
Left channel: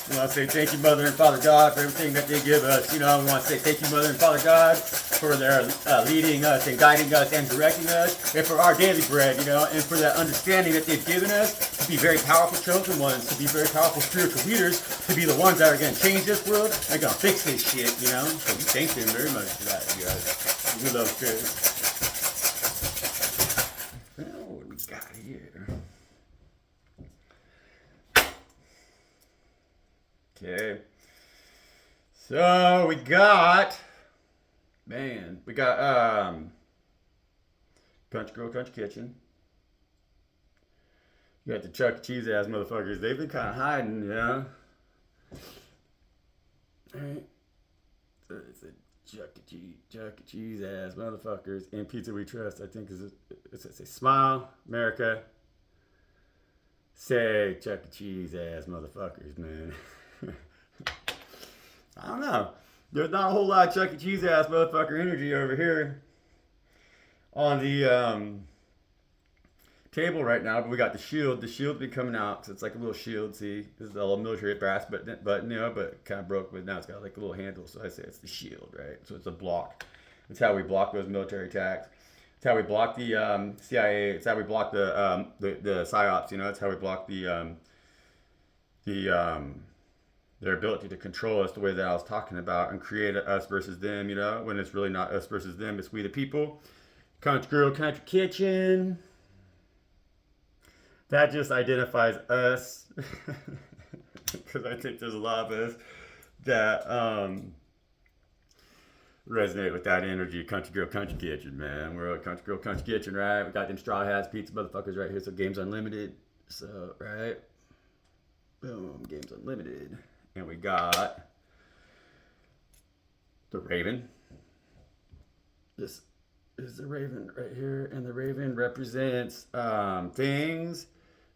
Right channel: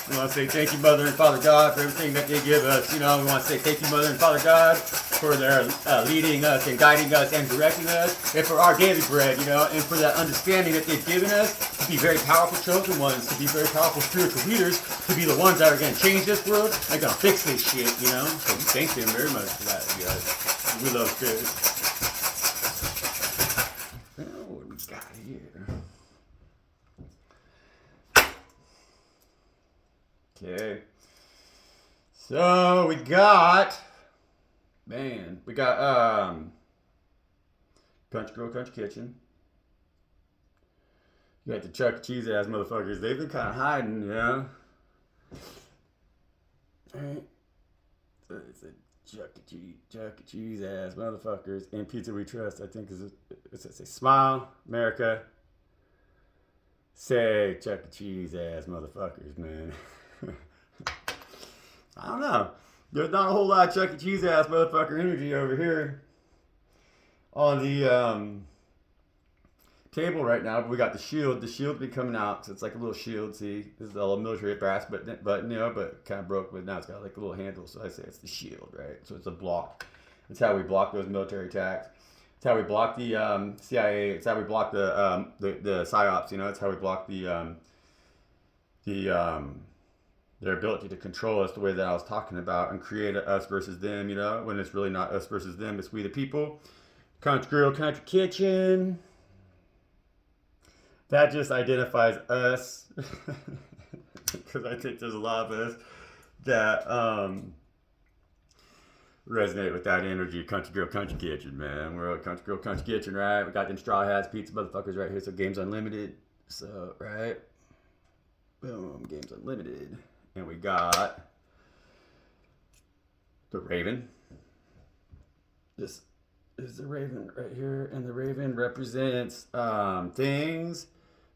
We want to say thank you, Mother and Father God, for everything that they give us. We want to say thank you, Mother and Father God, for their leading us and guiding us and directing us, and for our daily bread, and for that understanding that they've given us to be very powerful chosen ones, to be very powerful spiritual leaders, to be the ones that are going to change this world, they're going to fix this shit, So we thank them very much for that, you guys. We love good. Oh, what we got here? Okay, so we got Country Girl, Country Kitchen. You got the Chuck E. Cheese ass motherfuckers. They've been kind of hiding, Alright, so it's a Chuck E. Cheese ass motherfuckers. And Pizza We Trust, I think it's a smile, America. Say Chuck E. Cheese ass motherfuckers, man. I don't know. There's not a whole lot of Chuck E. Cheese ass motherfucker energy over here on the table right now. But we got the shield. The shield be coming out, so it's like a little shield. See, this is a little military brass, but kind of broke. But now it's got like a little handle, so I say it's the shield, right? So it's a block. That's how we block those military attacks. It's how we block the CIA. It's how we block the psyops. It's how we block their ability to control us the way that I was talking about and create a us versus them, when it's really not us versus them, it's we the people. Country Girl, Country Kitchen. that just identifies us. Because I think there's a lot of us that resonate with that energy. Country Girl, Country Kitchen, man. We're at Country Girl, Country Kitchen, right? We got them straw hats, pizza motherfuckers right here. So Games Unlimited. So, right? Boom, Games Unlimited. And we got the Raven. This is the Raven right here. And the Raven represents things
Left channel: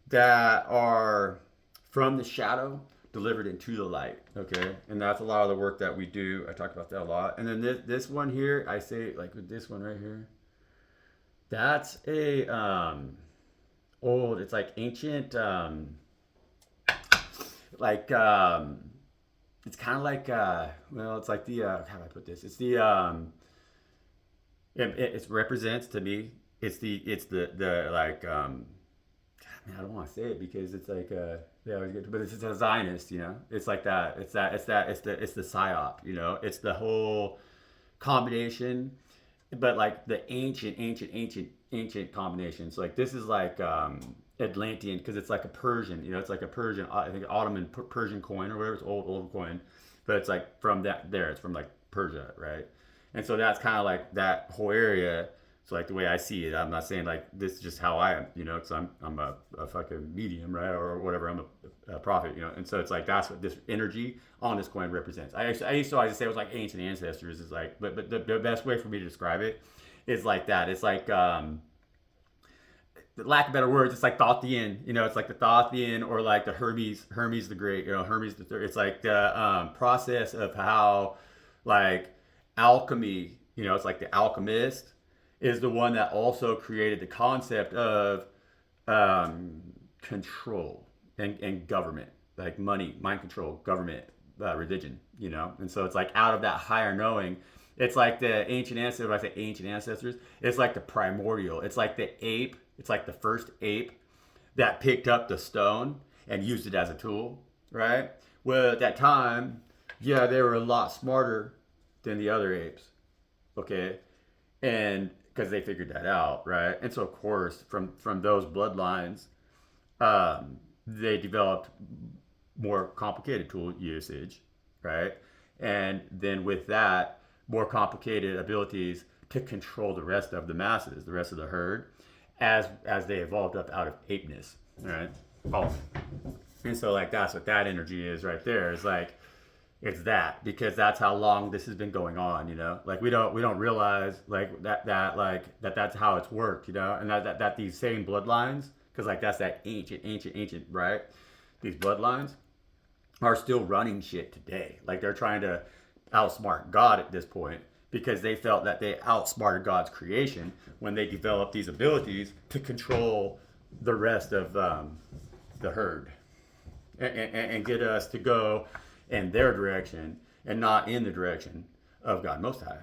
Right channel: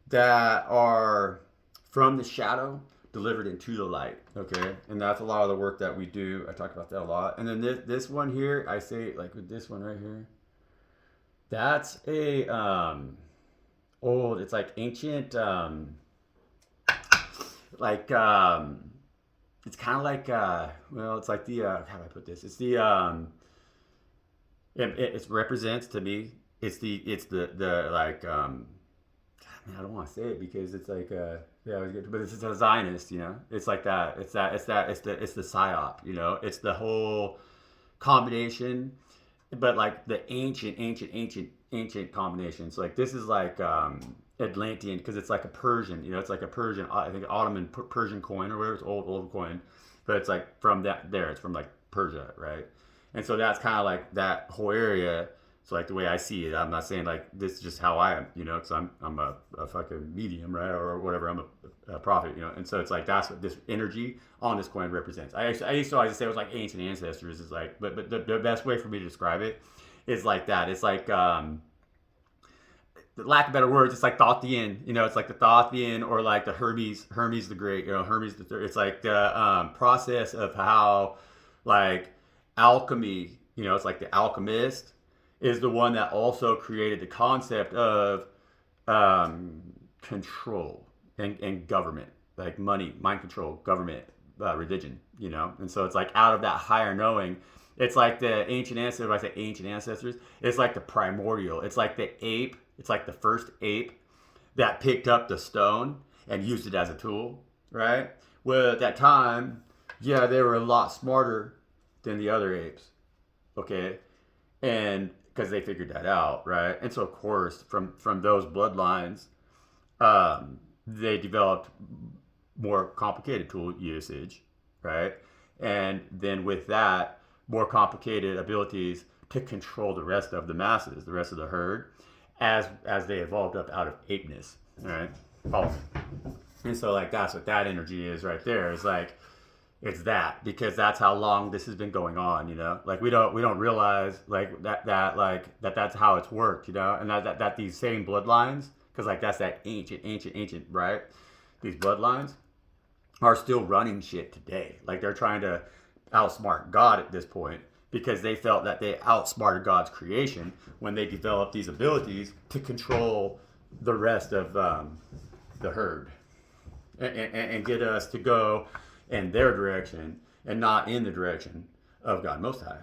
that are from the shadow delivered into the light. Okay, and that's a lot of the work that we do. I talk about that a lot. And then this one here, I say, like with this one right here, that's a old, it's like ancient, like it's kind of like well, it's like the how do I put this, it's the it represents to me, it's the like I don't want to say it because it's like they always get to, but it's a Zionist, you know. It's like that. It's the psyop, you know. It's the whole combination, but like the ancient combinations. Like this is like Atlantean because it's like a Persian, you know. It's like a Persian, I think Ottoman Persian coin or whatever. It's old coin, but it's like from that there. It's from like Persia, right? And so that's kind of like that whole area. So like the way I see it, I'm not saying like this is just how I am, you know, because I'm a fucking medium, right, or whatever. I'm a prophet, you know, and so it's like that's what this energy on this coin represents. I used to always say it was like ancient ancestors, is like, but the best way for me to describe it is like that. It's like lack of better words, it's like Thothien, you know, it's like the Thothien or like the Hermes the Great, you know, Hermes the Third. It's like the process of how like alchemy, you know, it's like the alchemist is the one that also created the concept of control and government, like money, mind control, government, religion, you know? And so it's like out of that higher knowing, it's like the ancient ancestors, when I say ancient ancestors, it's like the primordial, it's like the ape, it's like the first ape that picked up the stone and used it as a tool, right? Well, at that time, yeah, they were a lot smarter than the other apes, okay? And because they figured that out, right? And so, of course, from those bloodlines, they developed more complicated tool usage, right? And then with that, more complicated abilities to control the rest of the masses, the rest of the herd, as they evolved up out of apeness, right? Oh, and so like that's what that energy is right there. It's like it's that because that's how long this has been going on, you know. Like we don't realize like that's how it's worked, you know, and that these same bloodlines, because like that's that ancient, right? These bloodlines are still running shit today. Like they're trying to outsmart God at this point because they felt that they outsmarted God's creation when they developed these abilities to control the rest of the herd and get us to go in their direction and not in the direction of God Most High.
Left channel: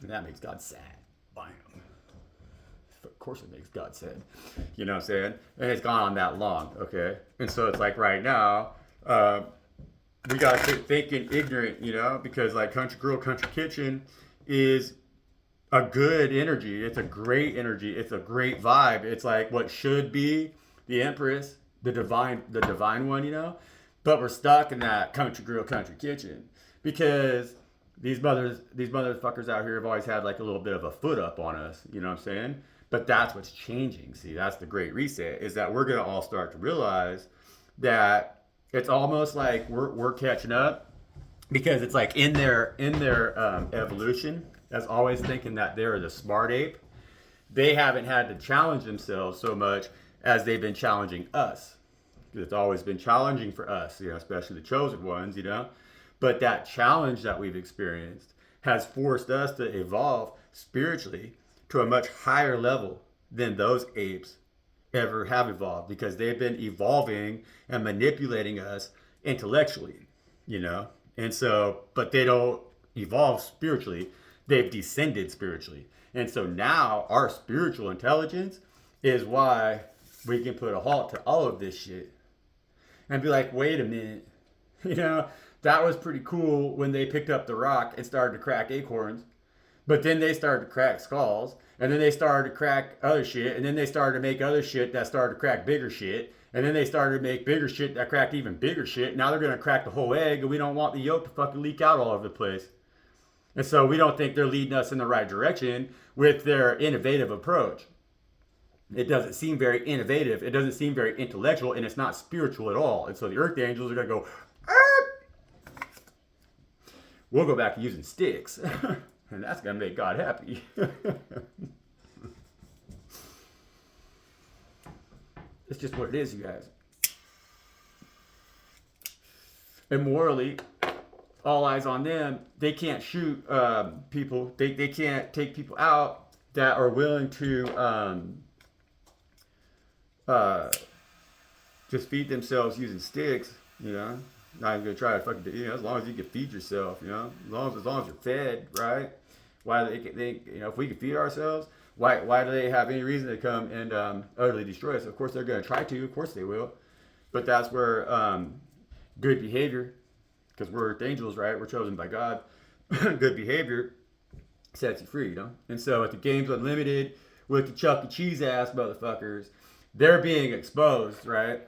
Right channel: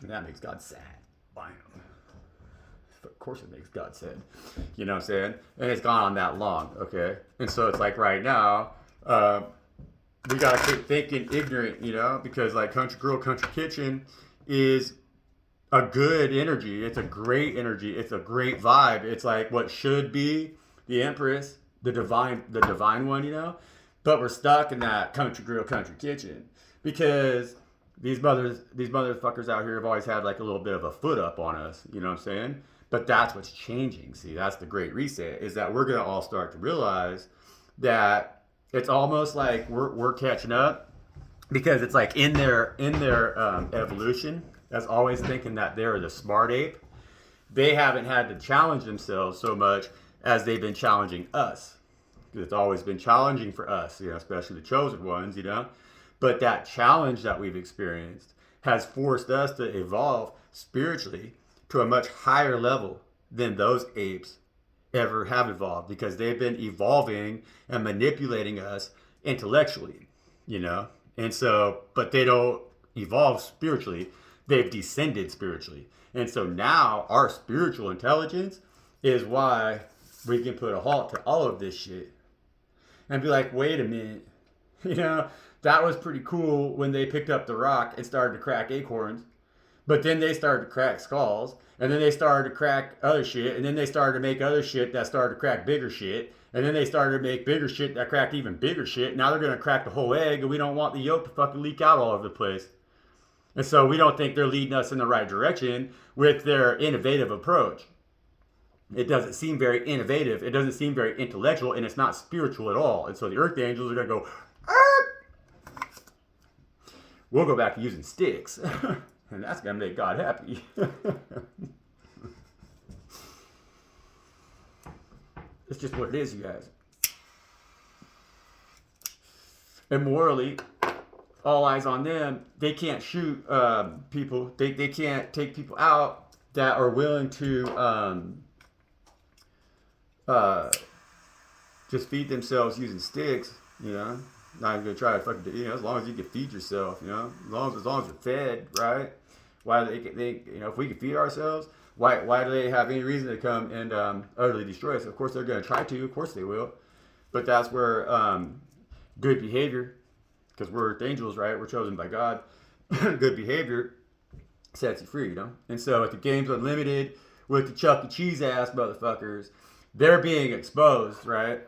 And that makes God sad. Bam. Of course it makes God sad. You know what I'm saying? And it's gone on that long, okay? And so it's like right now, we gotta quit thinking ignorant, you know, because like Country Girl, Country Kitchen is a good energy. It's a great energy. It's a great vibe. It's like what should be the Empress, the divine one, you know? But we're stuck in that Country Girl, Country Kitchen because these motherfuckers out here have always had like a little bit of a foot up on us, you know what I'm saying? But that's what's changing. See, that's the great reset, is that we're gonna all start to realize that it's almost like we're catching up because it's like in their evolution as always thinking that they're the smart ape. They haven't had to challenge themselves so much as they've been challenging us. It's always been challenging for us, you know, especially the chosen ones, you know. But that challenge that we've experienced has forced us to evolve spiritually to a much higher level than those apes ever have evolved because they've been evolving and manipulating us intellectually, you know. And so, but they don't evolve spiritually. They've descended spiritually. And so now our spiritual intelligence is why we can put a halt to all of this shit and be like, wait a minute, you know, that was pretty cool when they picked up the rock and started to crack acorns, but then they started to crack skulls, And then they started to crack other shit. And then they started to make other shit that started to crack bigger shit. And then they started to make bigger shit that cracked even bigger shit. Now they're going to crack the whole egg, and we don't want the yolk to fucking leak out all over the place. And so we don't think they're leading us in the right direction with their innovative approach. It doesn't seem very innovative. It doesn't seem very intellectual, and it's not spiritual at all. And so the earth angels are going to go, Arr! We'll go back to using sticks. And that's going to make God happy. It's just what it is, you guys. And morally, all eyes on them. They can't shoot people. They can't take people out that are willing to just feed themselves using sticks, you know. Not even gonna try to fucking, you know, as long as you can feed yourself, you know, as long as you're fed, right? Why they you know, if we can feed ourselves, why do they have any reason to come and utterly destroy us? Of course they're gonna try to, of course they will, but that's where good behavior, because we're earth angels, right? We're chosen by God. Good behavior sets you free, you know. And so at the Games Unlimited with the Chuck E. Cheese ass motherfuckers, they're being exposed, right?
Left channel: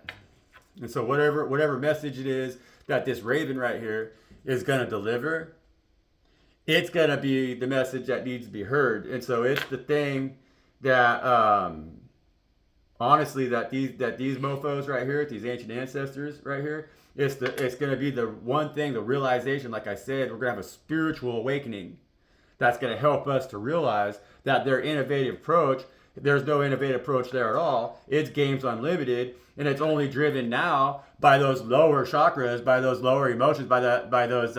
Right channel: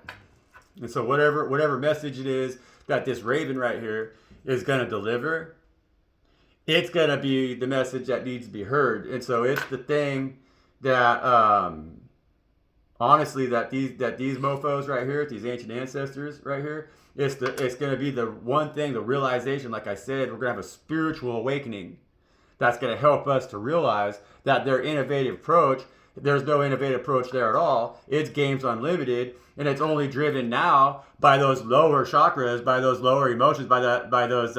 And so whatever message it is that this raven right here is going to deliver, it's going to be the message that needs to be heard. And so it's the thing that, honestly, that these mofos right here, these ancient ancestors right here, it's going to be the one thing, the realization, like I said, we're going to have a spiritual awakening that's going to help us to realize that their innovative approach, there's no innovative approach there at all. It's Games Unlimited, and it's only driven now by those lower chakras, by those lower emotions, by those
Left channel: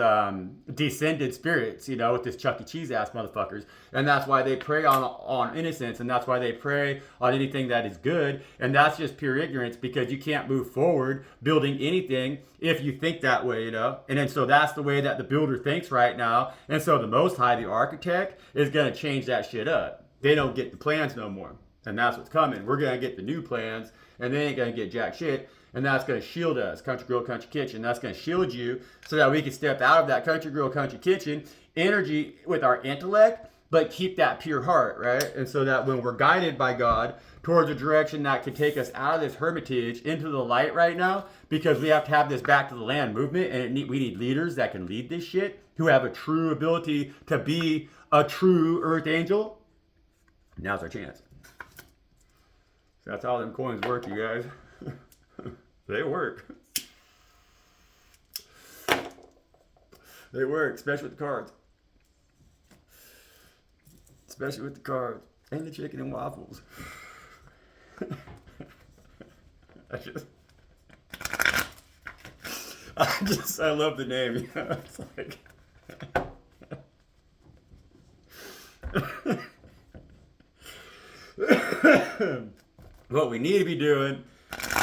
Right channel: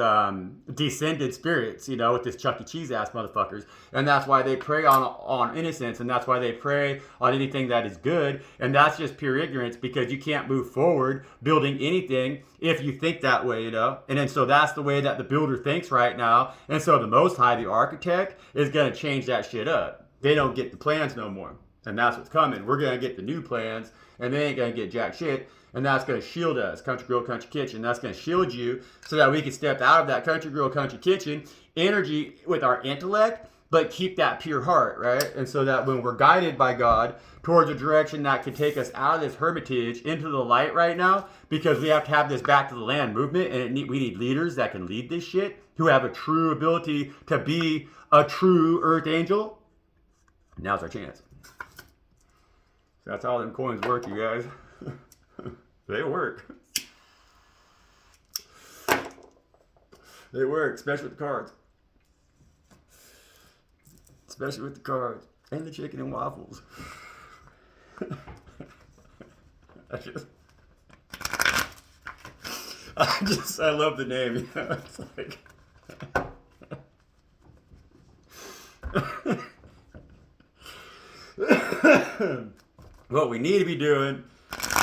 descended spirits, you know, with this Chuck E. Cheese ass motherfuckers. And that's why they prey on innocence, and that's why they prey on anything that is good. And that's just pure ignorance, because you can't move forward building anything if you think that way, you know. And then so that's the way that the builder thinks right now. And so the Most High, the architect, is going to change that shit up. They don't get the plans no more. And that's what's coming. We're going to get the new plans, and they ain't going to get jack shit. And that's going to shield us. Country Girl, Country Kitchen. That's going to shield you so that we can step out of that Country Girl, Country Kitchen energy with our intellect, but keep that pure heart, right? And so that when we're guided by God towards a direction that can take us out of this hermitage into the light right now, because we have to have this back to the land movement, and we need leaders that can lead this shit, who have a true ability to be a true earth angel. Now's our chance. That's how them coins work, you guys. They work. They work, especially with the cards. Especially with the cards. And the chicken and waffles. I love the name, you know, it's like... What we need to be doing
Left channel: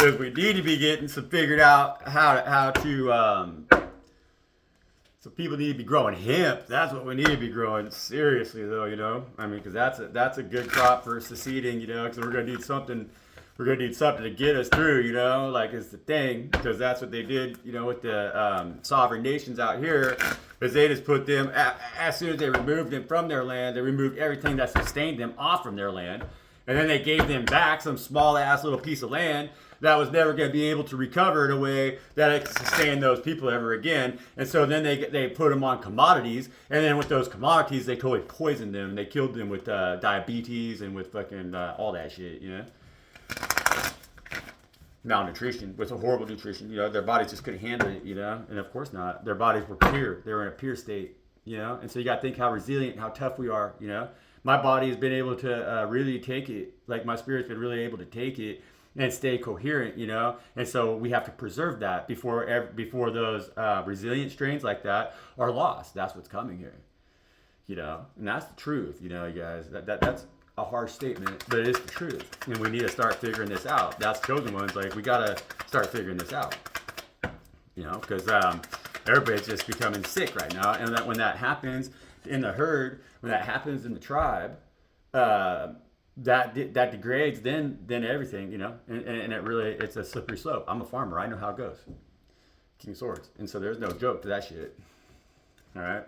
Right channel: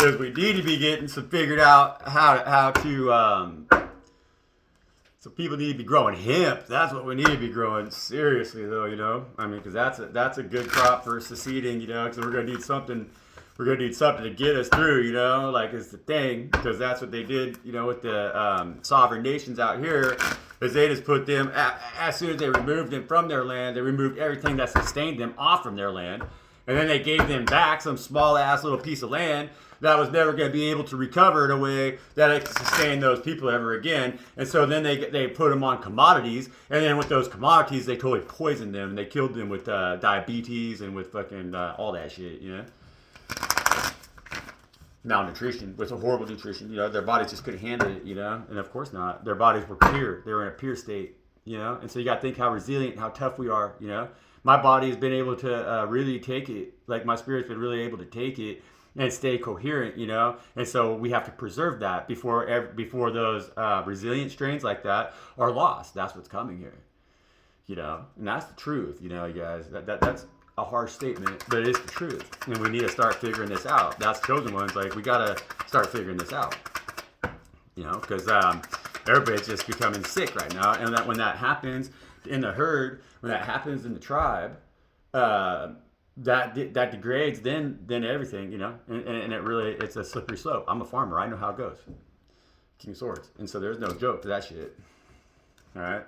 is we need to be getting figured out how to so people need to be growing hemp. That's what we need to be growing. Seriously though, you know, I mean, because that's a good crop for seceding, you know, because we're gonna need something. We're gonna need something to get us through, you know, like it's the thing, because that's what they did, you know, with the sovereign nations out here, is they just put them, as soon as they removed them from their land, they removed everything that sustained them off from their land, and then they gave them back some small ass little piece of land that was never going to be able to recover in a way that it could sustain those people ever again. And so then they put them on commodities, and then with those commodities they totally poisoned them, and they killed them with diabetes and with fucking all that shit, you know. Malnutrition, with a horrible nutrition, you know, their bodies just couldn't handle it, you know, and of course not. Their bodies were pure. They were in a pure state, you know, and so you got to think how resilient and how tough we are, you know. My body has been able to really take it, like my spirit's been really able to take it and stay coherent, you know, and so we have to preserve that before those resilient strains like that are lost. That's what's coming here, you know, and that's the truth, you know, you guys. That's a harsh statement, but it is the truth, and we need to start figuring this out. That's chosen ones. Like, we gotta start figuring this out, you know, because everybody's just becoming sick right now, and that when that happens in the herd, when that happens in the tribe, that degrades then everything, you know, and it really, it's a slippery slope. I'm a farmer, I know how it goes. King of Swords, and so there's no joke to that shit. All right,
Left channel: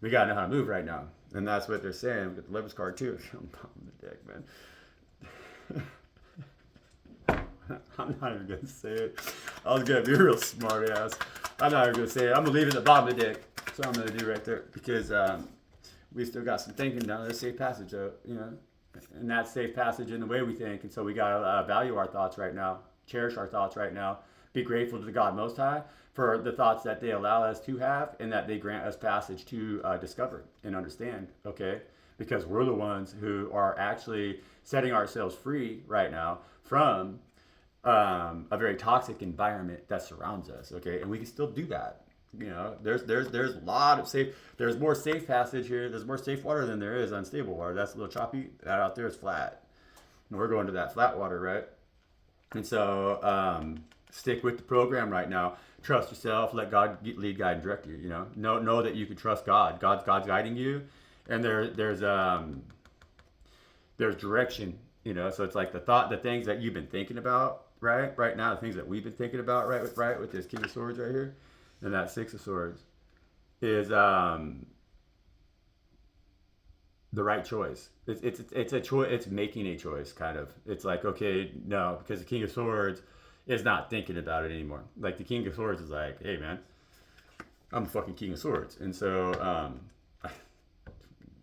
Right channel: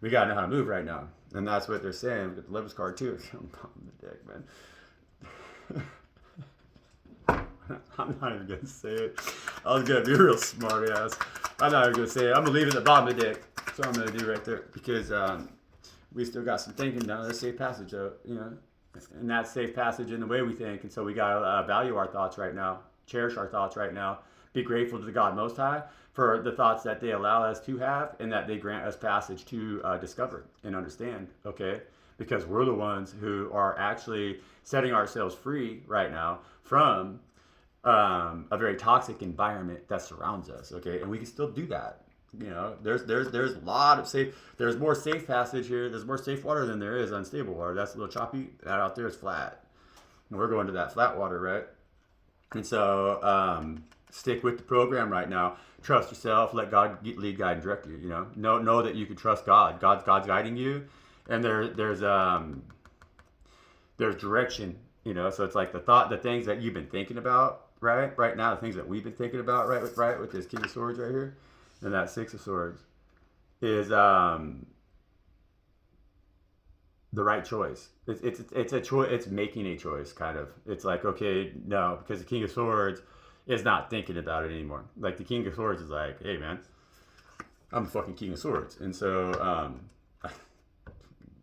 we gotta know how to move right now. And that's what they're saying with the Livers card too. I'm pumping the dick, man. I'm not even gonna say it. I was gonna be a real smart ass. I'm not even gonna say it. I'm gonna leave it at the bottom of the dick. That's what I'm gonna do right there. Because we still got some thinking down there. Safe passage, and that's safe passage in the way we think. And so we gotta value our thoughts right now, cherish our thoughts right now, be grateful to the God Most High for the thoughts that they allow us to have and that they grant us passage to discover and understand, okay? Because we're the ones who are actually setting ourselves free right now from a very toxic environment that surrounds us, okay? And we can still do that. There's a lot of safe, there's more safe passage here, there's more safe water than there is unstable water. That's a little choppy. That out there is flat. And we're going to that flat water, right? And so stick with the program right now. Trust yourself. Let God lead, guide, and direct you. Know that you can trust God. God's guiding you, and there's direction. So it's like the things that you've been thinking about, right now, the things that we've been thinking about, with this King of Swords right here, and that Six of Swords, is the right choice. It's a choice. It's making a choice, kind of. It's like, okay, no, because the King of Swords is not thinking about it anymore. Like the King of Swords is like, hey man, I'm the fucking King of Swords, and so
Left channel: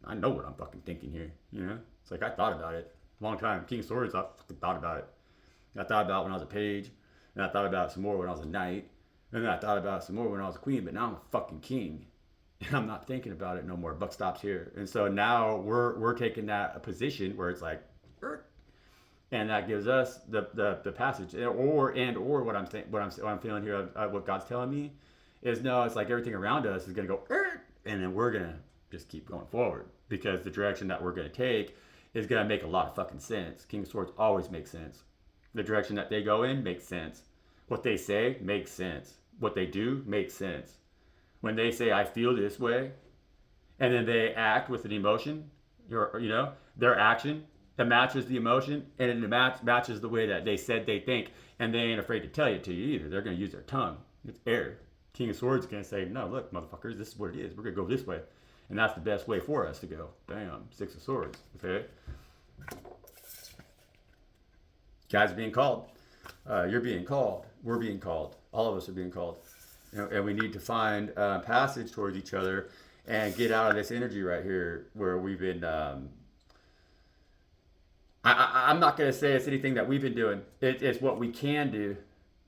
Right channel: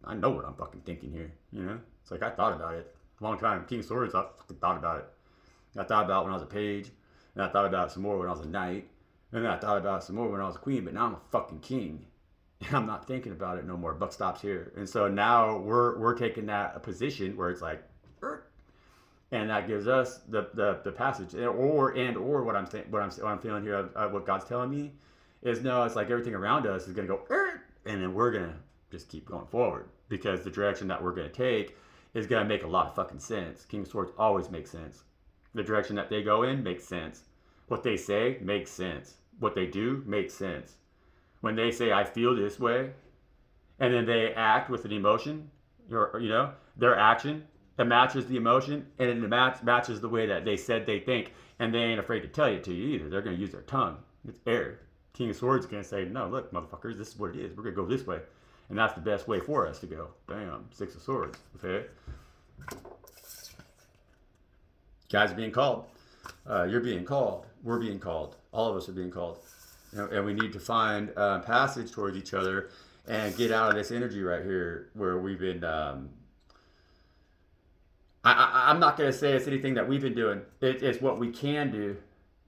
I know what I'm fucking thinking here. It's like I thought about it a long time. King of Swords, I fucking thought about it. I thought about it when I was a page, and I thought about it some more when I was a knight, and then I thought about it some more when I was a queen. But now I'm a fucking king, and I'm not thinking about it no more. Buck stops here, and so now we're taking that a position where it's like. And that gives us the passage, or what I'm feeling here, what God's telling me, is no. It's like everything around us is gonna go, and then we're gonna just keep going forward because the direction that we're gonna take is gonna make a lot of fucking sense. King of Swords always makes sense. The direction that they go in makes sense. What they say makes sense. What they do makes sense. When they say I feel this way, and then they act with an emotion, their action. That matches the emotion, and it matches the way that they said they think, and they ain't afraid to tell it to you either. They're going to use their tongue. It's air. King of Swords can say, no, look, motherfuckers, this is what it is. We're going to go this way. And that's the best way for us to go. Bam, Six of Swords, okay? Guys are being called. You're being called. We're being called. All of us are being called. And we need to find passage towards each other and get out of this energy right here where we've been... I'm not going to say it's anything that we've been doing. It's what we can do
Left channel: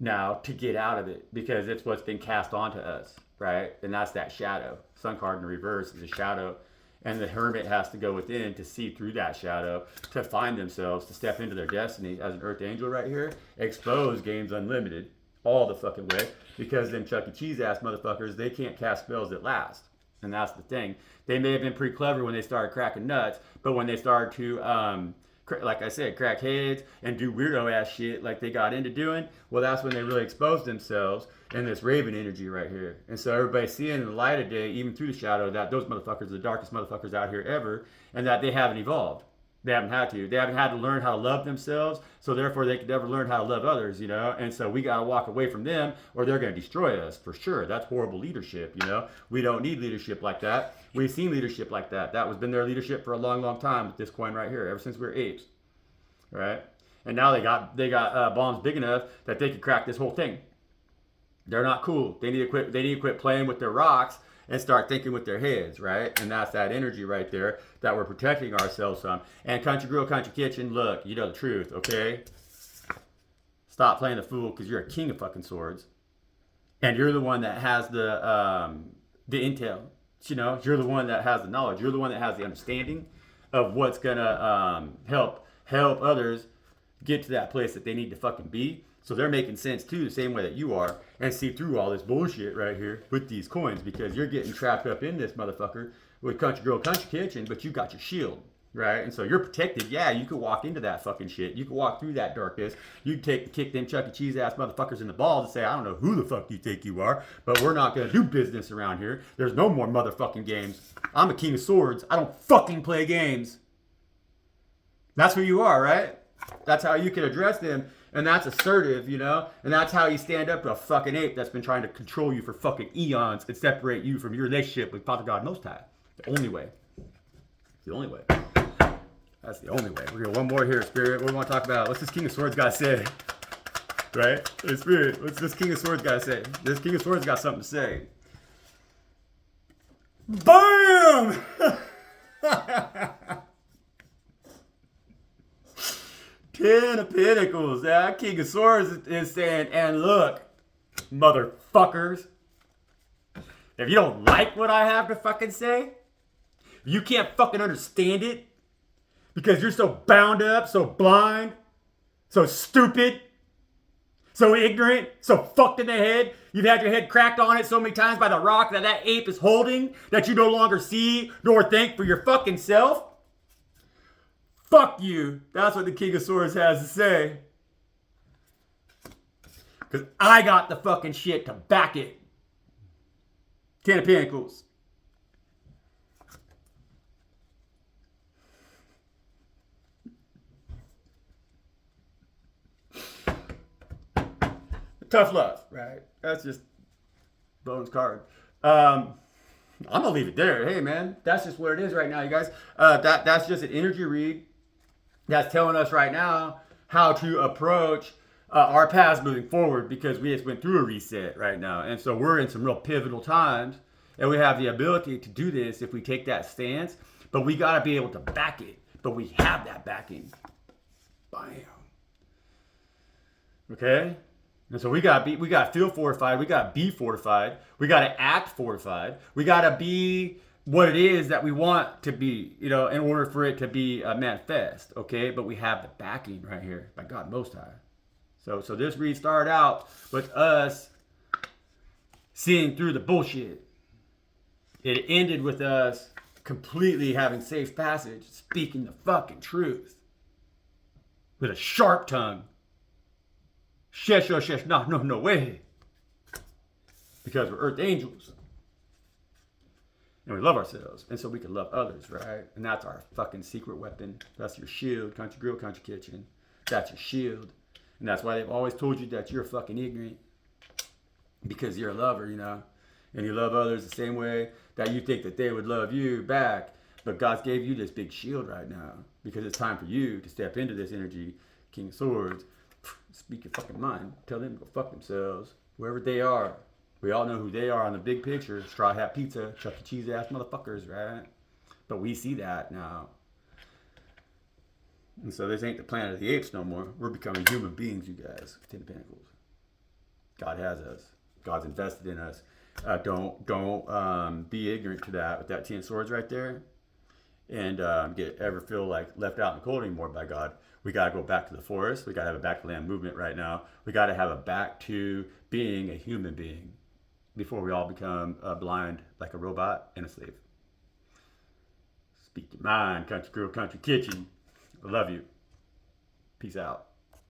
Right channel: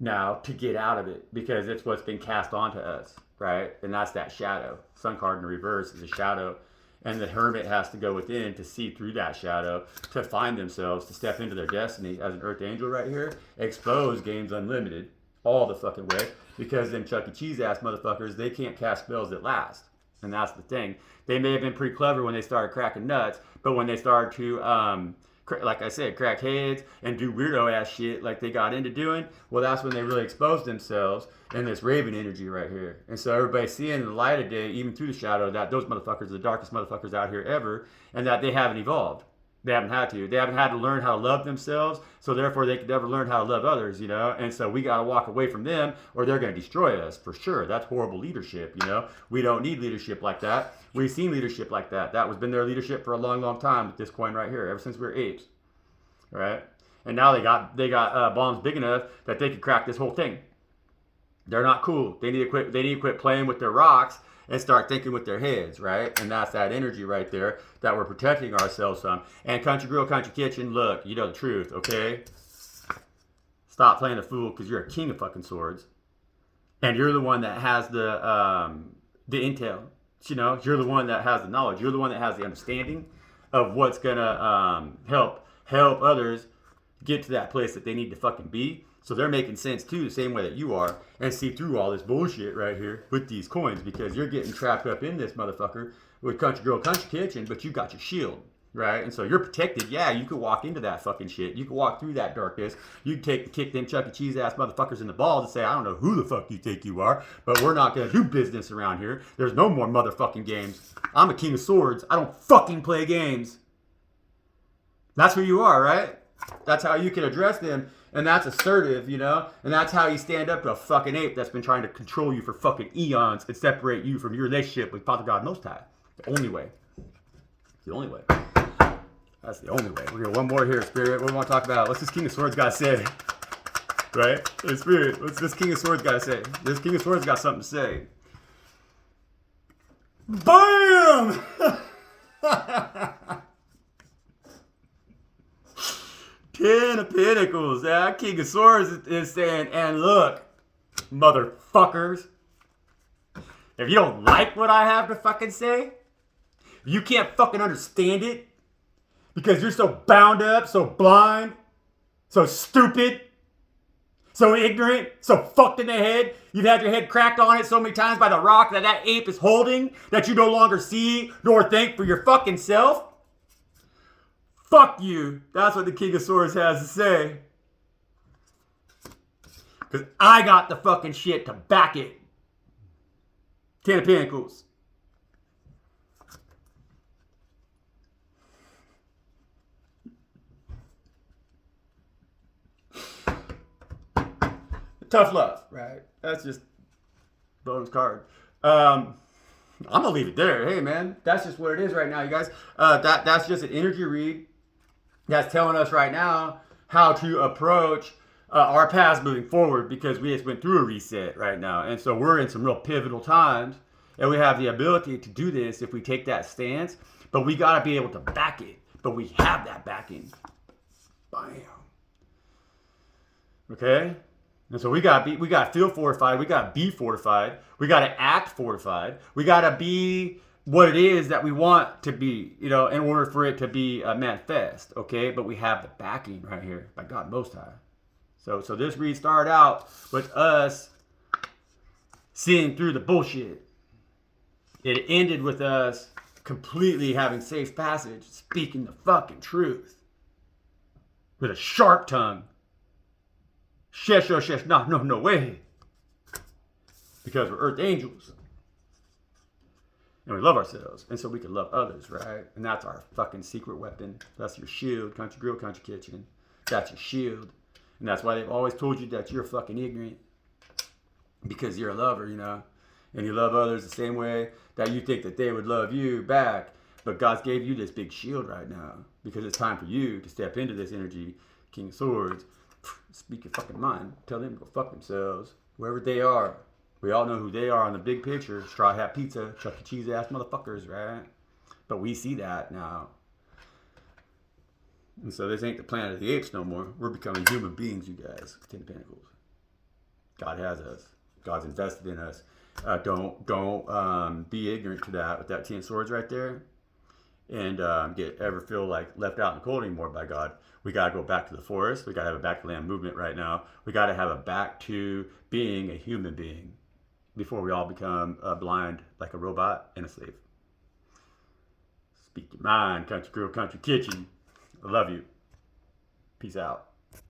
now to get out of it because it's what's been cast onto us, right? And that's that shadow. Sun card in reverse is a shadow. And the hermit has to go within to see through that shadow, to find themselves, to step into their destiny as an earth angel right here. Expose Games Unlimited all the fucking way because them Chuck E. Cheese ass motherfuckers, they can't cast spells that last. And that's the thing. They may have been pretty clever when they started cracking nuts, but when they started to... like I said, crack heads and do weirdo ass shit like they got into doing, well, that's when they really exposed themselves in this raven energy right here. And so everybody's seeing in the light of day, even through the shadow, that those motherfuckers are the darkest motherfuckers out here ever, and that they haven't evolved. They haven't had to. They haven't had to learn how to love themselves, so therefore they could never learn how to love others, And so we got to walk away from them or they're going to destroy us for sure. That's horrible leadership, We don't need leadership like that. We've seen leadership like that. That was been their leadership for a long, long time with this coin right here, ever since we were apes, right? And now they got bombs big enough that they could crack this whole thing. They're not cool. They need to quit playing with their rocks and start thinking with their heads, right? And that's that energy right there that we're protecting ourselves from. And Country Grill, Country Kitchen, look, you know the truth, okay? Stop playing the fool because you're a king of fucking swords. And you're the one that has the intel. You're the one that has the knowledge. You're the one that has the understanding of what's going to help others get to that place that they need to fucking be. So they're making sense too, the same way that you are, and see through all this bullshit right here with these coins because you're getting trapped up in this motherfucker with Country Girl, Country Kitchen, but you got your shield, right? And so you're protected. Yeah, you could walk into that fucking shit. You could walk through that darkness. You could kick them Chuck E. Cheese ass motherfuckers in the balls and say, I don't know who the fuck you think you are, but we're not gonna do business around here. There's no more motherfucking games. I'm a king of swords. I don't fucking play games. That's who you are, right? That's how you can address them. And that's assertive, And that's how you stand up to a fucking ape that's been trying to control you for fucking eons and separate you from your relationship with Father God Most High. The only way. the only way. That's the only way. We're gonna one more here, Spirit. What do we want to talk about? What's this King of Swords guy say? Right? Hey, Spirit, what's this King of Swords guy say? This King of Swords got something to say. BAM! Ten of Pentacles. That King of Swords is saying, and look, motherfuckers, if you don't like what I have to fucking say, you can't fucking understand it because you're so bound up, so blind, so stupid, so ignorant, so fucked in the head. You've had your head cracked on it so many times by the rock that ape is holding that you no longer see nor think for your fucking self. Fuck you. That's what the King of Swords has to say. Because I got the fucking shit to back it. Ten of Pentacles. Tough love, right? That's just bonus card. I'm gonna leave it there. Hey man, that's just what it is right now, you guys. That's just an energy read that's telling us right now how to approach our paths moving forward, because we just went through a reset right now, and so we're in some real pivotal times, and we have the ability to do this if we take that stance. But we gotta be able to back it. But we have that backing. Bam. Okay. And so we got to feel fortified. We got to be fortified. We got to act fortified. We got to be what it is that we want to be, in order for it to be manifest. Okay, but we have the backing right here by God Most High. So this read started out with us seeing through the bullshit. It ended with us completely having safe passage, speaking the fucking truth with a sharp tongue. Shesh, oh, shesh, no way. Because we're earth angels. And we love ourselves. And so we can love others, right? And that's our fucking secret weapon. That's your shield. Country grill, country kitchen. That's your shield. And that's why they've always told you that you're fucking ignorant. Because you're a lover, And you love others the same way that you think that they would love you back. But God's gave you this big shield right now. Because it's time for you to step into this energy. King of Swords. Speak your fucking mind. Tell them to go fuck themselves. Wherever they are. We all know who they are on the big picture. Straw Hat Pizza, Chuck E. Cheese ass motherfuckers, right? But we see that now. And so this ain't the Planet of the Apes no more. We're becoming human beings, you guys. Ten Pentacles. God has us. God's invested in us. Don't be ignorant to that with that 10 swords right there. And ever feel like left out in the cold anymore by God. We got to go back to the forest. We got to have a back to land movement right now. We got to have a back to being a human being before we all become blind like a robot and a slave. Speak your mind, country girl, country kitchen. I love you. Peace out.